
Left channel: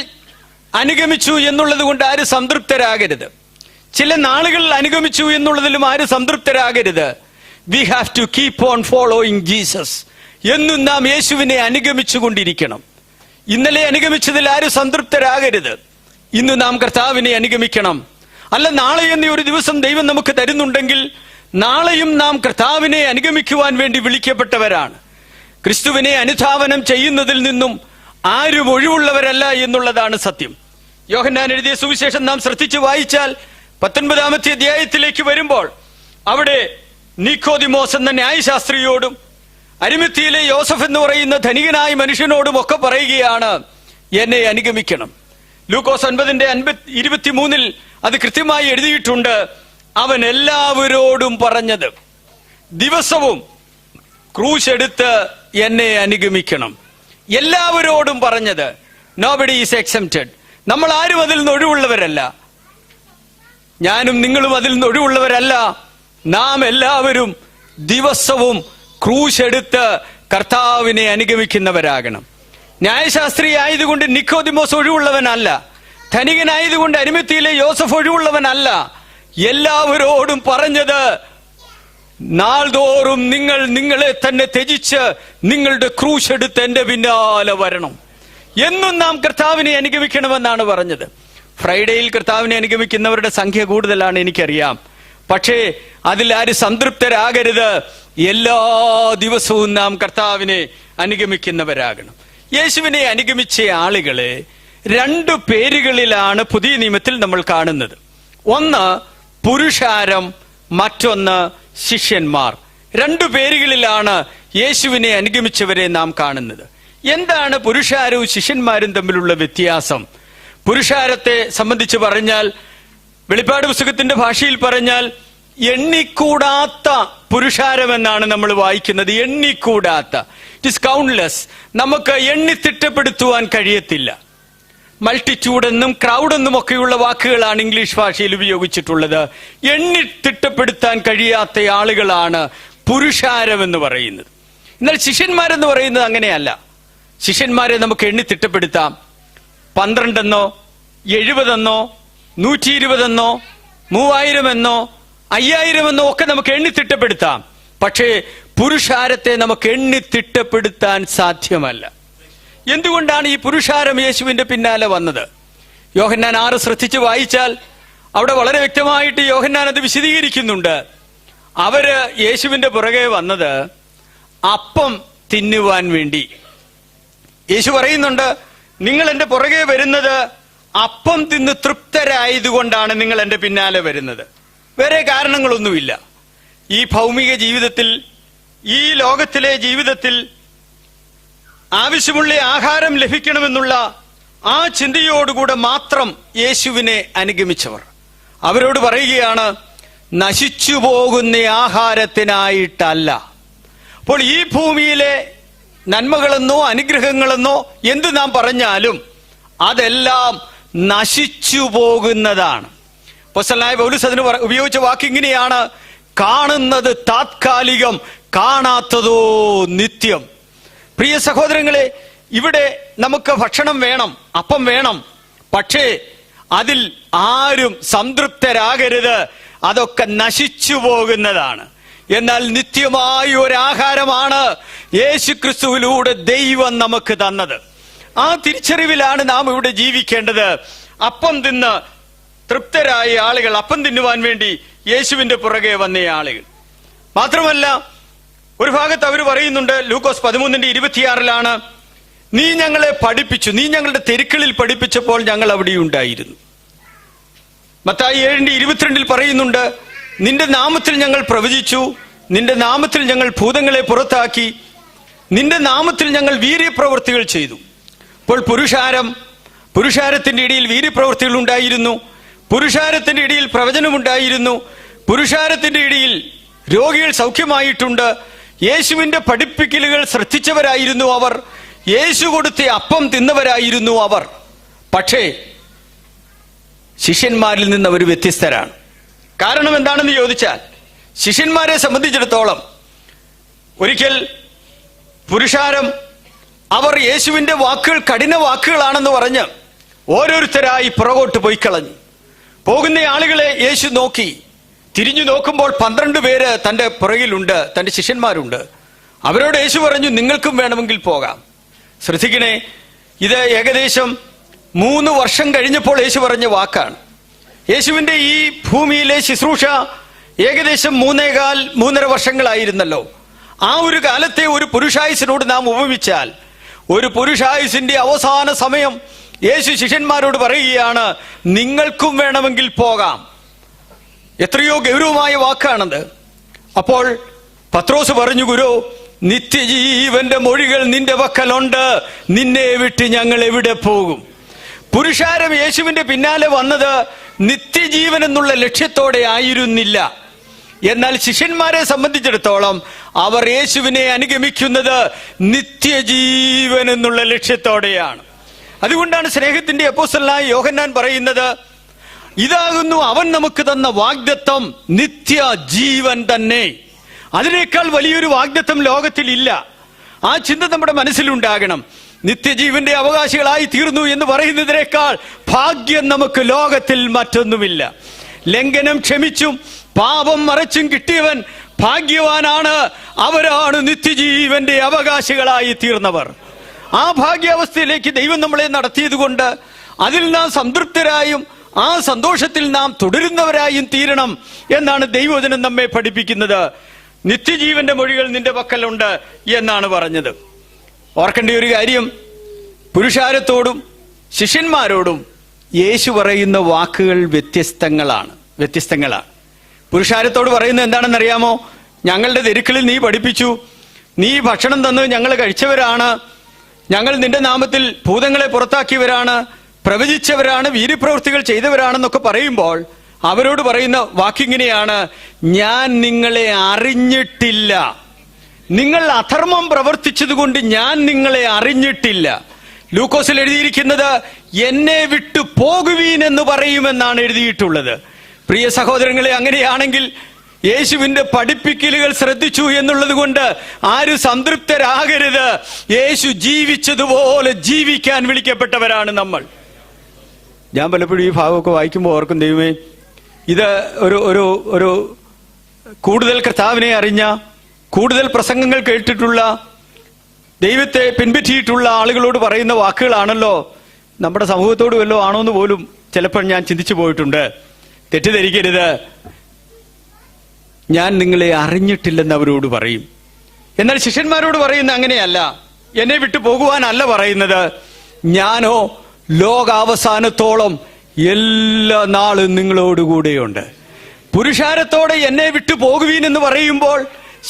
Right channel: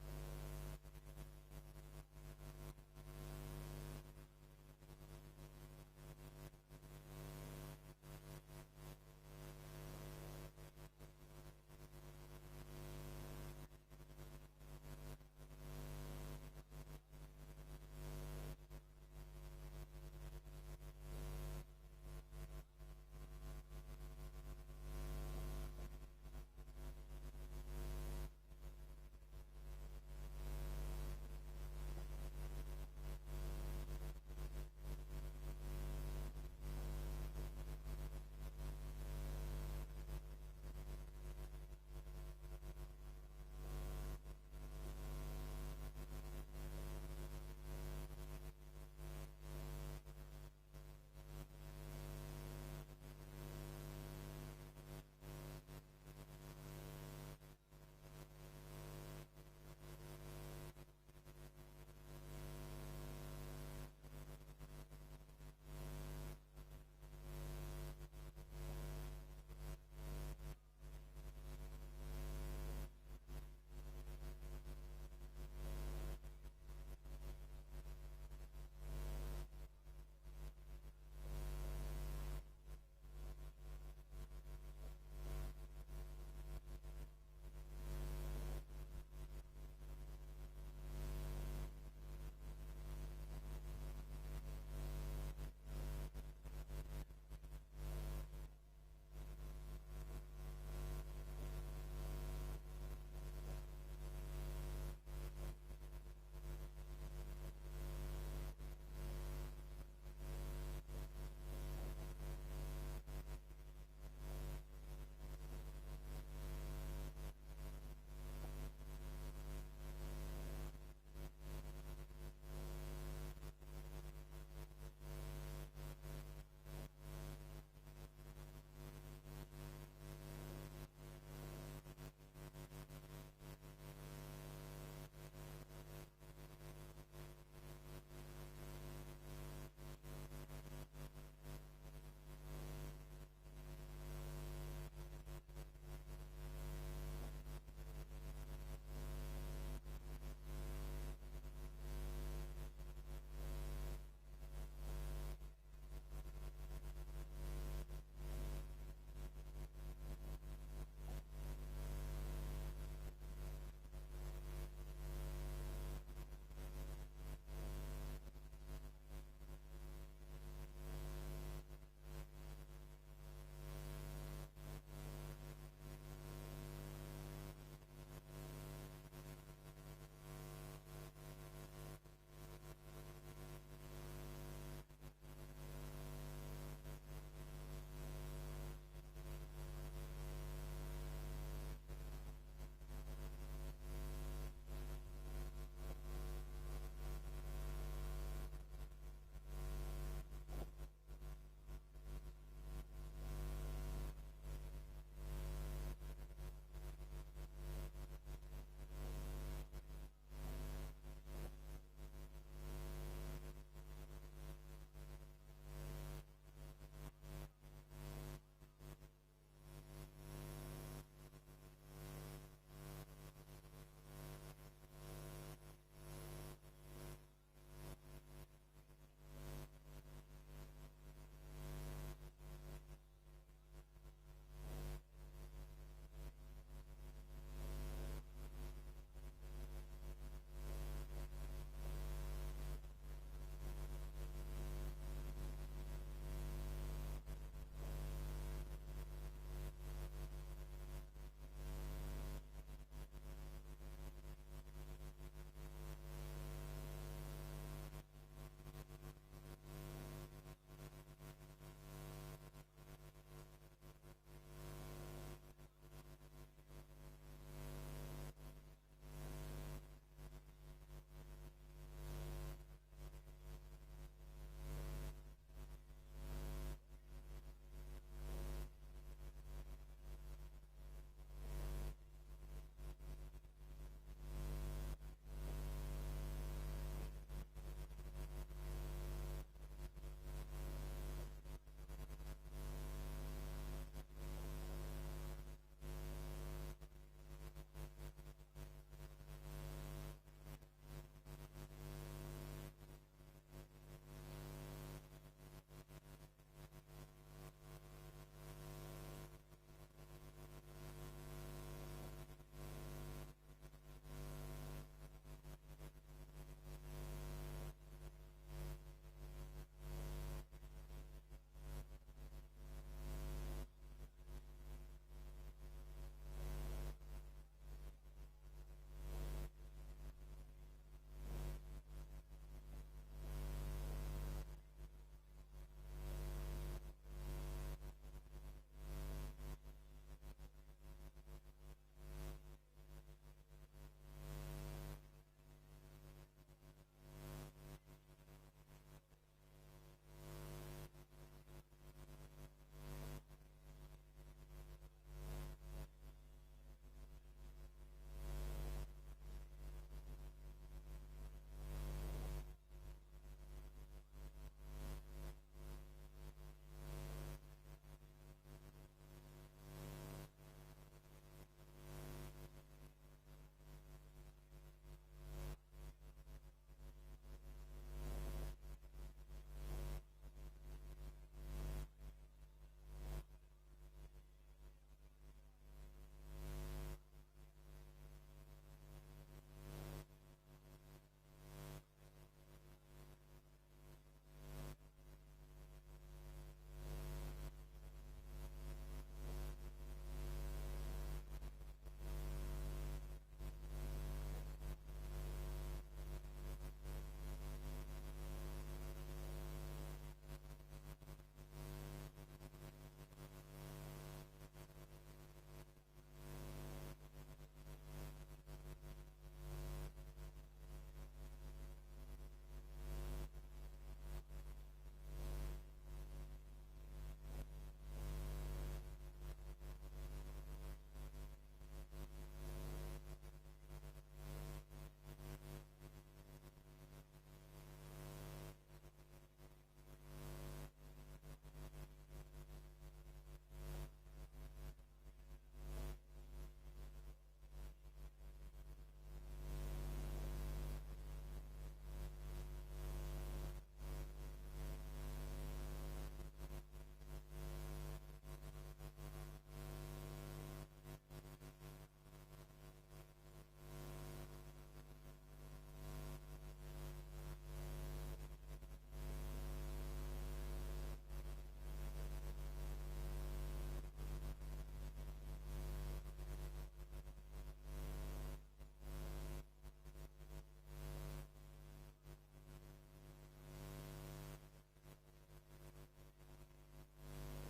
അനുഗമിച്ചു എന്നുള്ളത് കൊണ്ട് ആരും സംതൃപ്തരാകരുത്. ചില നാളുകൾ അനുഗമിച്ചു എന്നുള്ളതിലും ആരും സംതൃപ്തരാകരുത്. We have to keep on following Jesus. എന്നും നാം യേശുവിനെ അനുഗമിച്ചുകൊണ്ടിരിക്കണം. ഇന്നലെ അനുഗമിച്ചതിൽ ആരും സംതൃപ്തരാകരുത്. ഇന്ന് നാം കർത്താവിനെ അനുഗമിക്കണം. അല്ല, നാളെ എന്ന ഒരു ദിവസം ദൈവം നമുക്ക് തരുന്നുണ്ടെങ്കിൽ നാളെയും നാം കർത്താവിനെ അനുഗമിക്കുവാൻ വേണ്ടി വിളിക്കപ്പെട്ടവരാണ്. ക്രിസ്തുവിനെ അനുധാവനം ചെയ്യുന്നതിൽ നിന്നും ആരും ഒഴിവുള്ളവരല്ല എന്നുള്ളതാണ് സത്യം. യോഹന്നാൻ എഴുതിയ സുവിശേഷം നാം ശ്രദ്ധിച്ചു വായിച്ചാൽ 19-ാമത്തെ അധ്യായത്തിലേക്ക് വരുമ്പോൾ അവിടെ നിക്കോദിമോസ് എന്ന ന്യായശാസ്ത്രിയോടും അരിമത്തിയിലെ യോസഫ് എന്ന് പറയുന്ന ധനികനായ മനുഷ്യനോടും ഒക്കെ പറയുകയാണ്, എന്നെ അനുഗമിക്കണം. ലൂക്കോസ് 9:23 അത് കൃത്യമായി എഴുതിയിട്ടുണ്ട്. അവൻ എല്ലാവരോടും പറഞ്ഞത്, ദിവസവും ക്രൂശ് എടുത്ത് എന്നെ അനുഗമിക്കണം. എല്ലാവരോടും പറഞ്ഞത്. Nobody is exempted. നമ്മൾ ആരും അതിൽ നിന്ന് ഒഴിവുള്ളവരല്ല. ഞാനും നിങ്ങളും അതിൽ നിന്ന് ഒഴിവുള്ളവരല്ല. നാം എല്ലാവരും ദിവസവും ക്രൂശ് എടുത്ത് കർത്താവിനെ അനുഗമിക്കുന്നവരാകണം. ന്യായശാസ്ത്രി ആയതുകൊണ്ട് നിക്കോദിമോസ് ഒഴിവുള്ളവനല്ല. ധനികനായതുകൊണ്ട് അരിമത്തിയിലെ യോസഫ് ഒഴിവുള്ളവനല്ല. എല്ലാവരോടും പറഞ്ഞത്, നാൾതോറും നിങ്ങൾ നിങ്ങളെ തന്നെ ത്യജിച്ച് നിങ്ങളുടെ ക്രൂശ് എടുത്ത് എന്റെ പിന്നാലെ വരണം. എന്നും നാം കർത്താവിനെ അനുഗമിക്കണമെന്നാണ് പറഞ്ഞത്. ഫ്രൈഡേയിൽ കർത്താവിനെ അനുഗമിക്കുന്നവരുടെ സംഖ്യ കൂടുതലാണ്, എനിക്കറിയാം. പക്ഷേ അതിൽ ആരും സംതൃപ്തരാകരുത്. എല്ലാ ദിവസവും നാം കർത്താവിനെ അനുഗമിക്കുന്നവരാകണം. യേശുവിനെ അനുഗമിച്ച ആളുകളെ 2 പേരുകളിലാണ് പുതിയ നിയമത്തിൽ നമ്മൾ കാണുന്നത്. ഒന്ന് പുരുഷാരം, മറ്റൊന്ന് ശിഷ്യന്മാർ. 2 പേരുകളിലാണ് യേശുവിനെ അനുഗമിച്ചവരെ നാം കാണുന്നത്. എന്താണ് പുരുഷാരവും ശിഷ്യന്മാരും തമ്മിലുള്ള വ്യത്യാസം? പുരുഷാരത്തെ സംബന്ധിച്ച് പറഞ്ഞാൽ, വെളിപ്പാട് പുസ്തകത്തിന്റെ ഭാഷയിൽ പറഞ്ഞാൽ, എണ്ണിക്കൂടാത്ത പുരുഷാരം എന്നാണ് നമ്മൾ വായിക്കുന്നത്. എണ്ണിക്കൂടാത്ത, ഇറ്റ് ഇസ് കൗണ്ട്ലെസ്. നമുക്ക് എണ്ണിത്തിട്ടപ്പെടുത്തുവാൻ കഴിയത്തില്ല. മൾട്ടിറ്റ്യൂഡ് എന്നും ക്രൗഡ് എന്നും ഒക്കെയുള്ള വാക്കുകളാണ് ഇംഗ്ലീഷ് ഭാഷയിൽ ഉപയോഗിച്ചിട്ടുള്ളത്. എണ്ണിത്തിട്ടപ്പെടുത്താൻ കഴിയാത്ത ആളുകളാണ് പുരുഷാരം എന്ന് പറയുന്നത്. എന്നാൽ ശിഷ്യന്മാരെന്ന് പറയുന്നത് അങ്ങനെയല്ല. ശിഷ്യന്മാരെ നമുക്ക് എണ്ണിത്തിട്ടപ്പെടുത്താം. 12 എന്നോ 70 എന്നോ 120 എന്നോ 3000 എന്നോ 5000 എന്നോ ഒക്കെ നമുക്ക് എണ്ണിത്തിട്ടപ്പെടുത്താം. പക്ഷേ പുരുഷാരത്തെ നമുക്ക് എണ്ണിത്തിട്ടപ്പെടുത്താൻ സാധ്യമല്ല. എന്തുകൊണ്ടാണ് ഈ പുരുഷാരം യേശുവിന്റെ പിന്നാലെ വന്നത്? യോഹന്നാൻ 6 ശ്രദ്ധിച്ച് വായിച്ചാൽ അവിടെ വളരെ വ്യക്തമായിട്ട് യോഹന്നാൻ അത് വിശദീകരിക്കുന്നുണ്ട്. അവര് യേശുവിന്റെ പുറകെ വന്നത് അപ്പം തിന്നുവാൻ വേണ്ടി. യേശു പറയുന്നുണ്ട്, നിങ്ങൾ എന്റെ പുറകെ വരുന്നത് അപ്പം തിന്ന് തൃപ്തരായതുകൊണ്ടാണ് നിങ്ങൾ എന്റെ പിന്നാലെ വരുന്നത്. വേറെ കാരണങ്ങളൊന്നുമില്ല. ഈ ഭൗമിക ജീവിതത്തിൽ, ഈ ലോകത്തിലെ ജീവിതത്തിൽ ആവശ്യമുള്ള ആഹാരം ലഭിക്കണമെന്നുള്ള ആ ചിന്തയോടുകൂടെ മാത്രം യേശുവിനെ അനുഗമിച്ചവർ. അവരോട് പറയുകയാണ്, നശിച്ചു പോകുന്ന ആഹാരത്തിനായിട്ടല്ല. അപ്പോൾ ഈ ഭൂമിയിലെ നന്മകളെന്നോ അനുഗ്രഹങ്ങളെന്നോ എന്ത് നാം പറഞ്ഞാലും അതെല്ലാം നശിച്ചു പോകുന്നതാണ്. അപ്പോസ്തലനായ പൗലോസ് അതിന് ഉപയോഗിച്ച വാക്കിങ്ങനെയാണ്, കാണുന്നത് താത്കാലികം, കാണാത്തതോ നിത്യം. പ്രിയ സഹോദരങ്ങളെ, ഇവിടെ നമുക്ക് ഭക്ഷണം വേണം, അപ്പം വേണം. പക്ഷേ അതിൽ ആരും സംതൃപ്തരാകരുത്. അതൊക്കെ നശിച്ചു പോകുന്നതാണ്. എന്നാൽ നിത്യമായ ഒരു ആഹാരമാണ് യേശുക്രിസ്തുവിലൂടെ ദൈവം നമുക്ക് തന്നത്. ആ തിരിച്ചറിവിലാണ് നാം ഇവിടെ ജീവിക്കേണ്ടത്. അപ്പം തിന്ന് തൃപ്തരായ ആളുകൾ, അപ്പം തിന്നുവാൻ വേണ്ടി യേശുവിന്റെ പുറകെ വന്ന ആളുകൾ മാത്രമല്ല, ഒരു ഭാഗത്ത് അവർ പറയുന്നുണ്ട്, ലൂക്കോസ് 13:26 നീ ഞങ്ങളെ പഠിപ്പിച്ചു, നീ ഞങ്ങളുടെ തെരുക്കളിൽ പഠിപ്പിച്ചപ്പോൾ ഞങ്ങൾ അവിടെ ഉണ്ടായിരുന്നു. മത്തായി 7:22 പറയുന്നുണ്ട്, നിന്റെ നാമത്തിൽ ഞങ്ങൾ പ്രവചിച്ചു, നിന്റെ നാമത്തിൽ ഞങ്ങൾ ഭൂതങ്ങളെ പുറത്താക്കി, നിന്റെ നാമത്തിൽ ഞങ്ങൾ വീര്യപ്രവൃത്തികൾ ചെയ്തു. അപ്പോൾ പുരുഷാരത്തിന്റെ ഇടയിൽ വീര്യപ്രവൃത്തികൾ ഉണ്ടായിരുന്നു, പുരുഷാരത്തിന്റെ ഇടയിൽ പ്രവചനമുണ്ടായിരുന്നു, പുരുഷാരത്തിന്റെ ഇടയിൽ രോഗികൾ സൗഖ്യമായിട്ടുണ്ട്. യേശുവിന്റെ പഠിപ്പിക്കലുകൾ ശ്രദ്ധിച്ചവരായിരുന്നു അവർ, യേശു കൊടുത്ത അപ്പം തിന്നവരായിരുന്നു അവർ. പക്ഷേ ശിഷ്യന്മാരിൽ നിന്ന് അവർ വ്യത്യസ്തരാണ്. കാരണം എന്താണെന്ന് ചോദിച്ചാൽ, ശിഷ്യന്മാരെ സംബന്ധിച്ചിടത്തോളം ഒരിക്കൽ പുരുഷാരം അവർ യേശുവിന്റെ വാക്കുകൾ കഠിന വാക്കുകളാണെന്ന് പറഞ്ഞ് ഓരോരുത്തരായി പുറകോട്ട് പോയി കളഞ്ഞു. പോകുന്ന ആളുകളെ യേശു നോക്കി, തിരിഞ്ഞു നോക്കുമ്പോൾ 12 പേര് തന്റെ പുറകിലുണ്ട്, തന്റെ ശിഷ്യന്മാരുണ്ട്. അവരോട് യേശു പറഞ്ഞു, നിങ്ങൾക്കും വേണമെങ്കിൽ പോകാം. ശ്രദ്ധിക്കണേ, ഇത് ഏകദേശം 3 വർഷം കഴിഞ്ഞപ്പോൾ യേശു പറഞ്ഞ വാക്കാണ്. യേശുവിന്റെ ഈ ഭൂമിയിലെ ശുശ്രൂഷ ഏകദേശം 3.25 വർഷങ്ങളായിരുന്നല്ലോ. ആ ഒരു കാലത്തെ ഒരു പുരുഷായുസിനോട് നാം ഉപമിച്ചാൽ, ഒരു പുരുഷായുസിന്റെ അവസാന സമയം യേശു ശിഷ്യന്മാരോട് പറയുകയാണ്, നിങ്ങൾക്കും വേണമെങ്കിൽ പോകാം. എത്രയോ ഗൗരവമായ വാക്കാണത്. അപ്പോൾ പത്രോസ് പറഞ്ഞു, ഗുരു, നിത്യജീവന്റെ മൊഴികൾ നിന്റെ പക്കലുണ്ട്, നിന്നെ വിട്ട് ഞങ്ങൾ എവിടെ പോകും? പുരുഷാരം യേശുവിന്റെ പിന്നാലെ വന്നത് നിത്യജീവൻ എന്നുള്ള ലക്ഷ്യത്തോടെ ആയിരുന്നില്ല. എന്നാൽ ശിഷ്യന്മാരെ സംബന്ധിച്ചിടത്തോളം അവർ യേശുവിനെ അനുഗമിക്കുന്നത് നിത്യജീവൻ എന്നുള്ള ലക്ഷ്യത്തോടെയാണ്. അതുകൊണ്ടാണ് സ്നേഹത്തിന്റെ അപ്പോസ്തലനായ യോഹന്നാൻ പറയുന്നത്, ഇതാകുന്നു അവൻ നമുക്ക് തന്ന വാഗ്ദത്തം, നിത്യജീവൻ തന്നെ. അതിനേക്കാൾ വലിയൊരു വാഗ്ദത്തം ലോകത്തിൽ ഇല്ല. ആ ചിന്ത നമ്മുടെ മനസ്സിലുണ്ടാകണം. നിത്യജീവന്റെ അവകാശികളായി തീർന്നു എന്ന് പറയുന്നതിനേക്കാൾ ഭാഗ്യം നമുക്ക് ലോകത്തിൽ മറ്റൊന്നുമില്ല. ലംഘനം ക്ഷമിച്ചും പാപം മറച്ചും കിട്ടിയവൻ ഭാഗ്യവാനാണ്. അവരാണ് നിത്യജീവന്റെ അവകാശികളായി തീർന്നവർ. ആ ഭാഗ്യാവസ്ഥയിലേക്ക് ദൈവം നമ്മളെ നടത്തിയത് കൊണ്ട് അതിൽ നാം സംതൃപ്തരായും ആ സന്തോഷത്തിൽ നാം തുടരുന്നവരായും തീരണം എന്നാണ് ദൈവവചനം നമ്മെ പഠിപ്പിക്കുന്നത്. നിത്യജീവന്റെ മൊഴികൾ നിന്റെ പക്കലുണ്ട് എന്നാണ് പറഞ്ഞത്. ഓർക്കേണ്ട ഒരു കാര്യം, പുരുഷാരത്തോടും ശിഷ്യന്മാരോടും യേശു പറയുന്ന വാക്കുകൾ വ്യത്യസ്തങ്ങളാണ്. പുരുഷാരത്തോട് പറയുന്നത് എന്താണെന്നറിയാമോ? ഞങ്ങളുടെ തെരുക്കളിൽ നീ പഠിപ്പിച്ചു, നീ ഭക്ഷണം തന്ന് ഞങ്ങൾ കഴിച്ചവരാണ്, ഞങ്ങൾ നിന്റെ നാമത്തിൽ ഭൂതങ്ങളെ പുറത്താക്കിയവരാണ്, പ്രവചിച്ചവരാണ്, വീര്യപ്രവൃത്തികൾ ചെയ്തവരാണെന്നൊക്കെ പറയുമ്പോൾ അവരോട് പറയുന്ന വാക്കിങ്ങനെയാണ്, ഞാൻ നിങ്ങളെ അറിഞ്ഞിട്ടില്ല. നിങ്ങൾ അധർമ്മം പ്രവർത്തിച്ചതുകൊണ്ട് ഞാൻ നിങ്ങളെ അറിഞ്ഞിട്ടില്ല. ലൂക്കോസിൽ എഴുതിയിരിക്കുന്നത് എന്നെ വിട്ടു പോകുവീൻ എന്ന് പറയുമെന്നാണ് എഴുതിയിട്ടുള്ളത്. പ്രിയ സഹോദരങ്ങളെ, അങ്ങനെയാണെങ്കിൽ യേശുവിന്റെ പഠിപ്പിക്കലുകൾ ശ്രദ്ധിച്ചു എന്നുള്ളത് കൊണ്ട് ആരും സംതൃപ്തരാകരുത്. യേശു ജീവിച്ചതുപോലെ ജീവിക്കാൻ വിളിക്കപ്പെട്ടവരാണ് നമ്മൾ. ഞാൻ പലപ്പോഴും ഈ ഭാഗമൊക്കെ വായിക്കുമ്പോൾ ഓർക്കും, ദൈവമേ, ഇത് ഒരു കൂടുതൽ കർത്താവിനെ അറിഞ്ഞ, കൂടുതൽ പ്രസംഗങ്ങൾ കേട്ടിട്ടുള്ള, ദൈവത്തെ പിൻപറ്റിയിട്ടുള്ള ആളുകളോട് പറയുന്ന വാക്കുകളാണല്ലോ. നമ്മുടെ സമൂഹത്തോട് വല്ലോ ആണോ എന്ന് പോലും ചിലപ്പോൾ ഞാൻ ചിന്തിച്ചു പോയിട്ടുണ്ട്. തെറ്റിദ്ധരിക്കരുത്, ഞാൻ നിങ്ങളെ അറിഞ്ഞിട്ടില്ലെന്ന് അവരോട് പറയും. എന്നാൽ ശിഷ്യന്മാരോട് പറയുന്ന അങ്ങനെയല്ല. എന്നെ വിട്ടു പോകുവാനല്ല പറയുന്നത്, ഞാനോ ലോകാവസാനത്തോളം എല്ലാ നാളും നിങ്ങളോടുകൂടെയുണ്ട്. പുരുഷാരത്തോടെ എന്നെ വിട്ടു പോകുവീൻ എന്ന് പറയുമ്പോൾ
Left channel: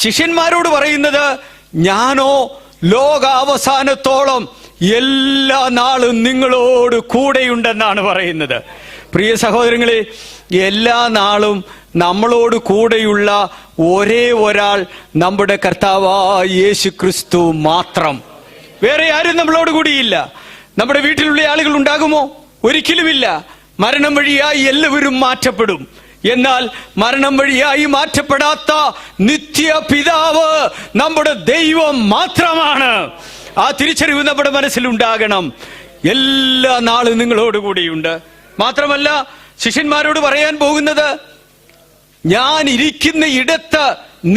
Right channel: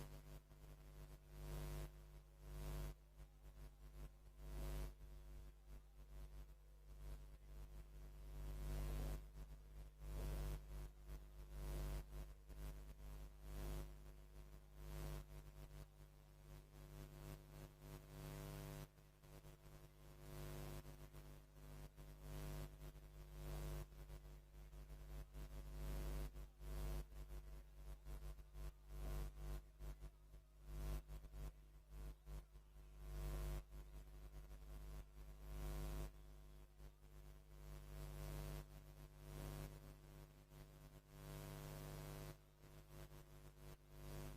ശിഷ്യന്മാരോട് പറയുന്നത്, ഞാനോ ലോകാവസാനത്തോളം എല്ലാ നാളും നിങ്ങളോട് കൂടെയുണ്ടെന്നാണ് പറയുന്നത്. പ്രിയ സഹോദരങ്ങളെ, എല്ലാ നാളും നമ്മളോട് കൂടെയുള്ള ഒരേ ഒരാൾ നമ്മുടെ കർത്താവായ യേശു ക്രിസ്തു മാത്രം. വേറെ ആരും നമ്മളോട് കൂടിയില്ല. നമ്മുടെ വീട്ടിലുള്ള ആളുകൾ ഉണ്ടാകുമോ? ഒരിക്കലുമില്ല. മരണം വഴിയായി എല്ലാവരും മാറ്റപ്പെടും. എന്നാൽ മരണം വഴിയായി മാറ്റപ്പെടാത്ത നിത്യ പിതാവ് നമ്മുടെ ദൈവം മാത്രമാണ്. ആ തിരിച്ചറിവ് നമ്മുടെ മനസ്സിലുണ്ടാകണം. എല്ലാ നാളും നിങ്ങളോട് കൂടിയുണ്ട്. മാത്രമല്ല, ശിഷ്യന്മാരോട് പറയാൻ പോകുന്നത്, ഞാൻ ഇരിക്കുന്ന ഇടത്ത്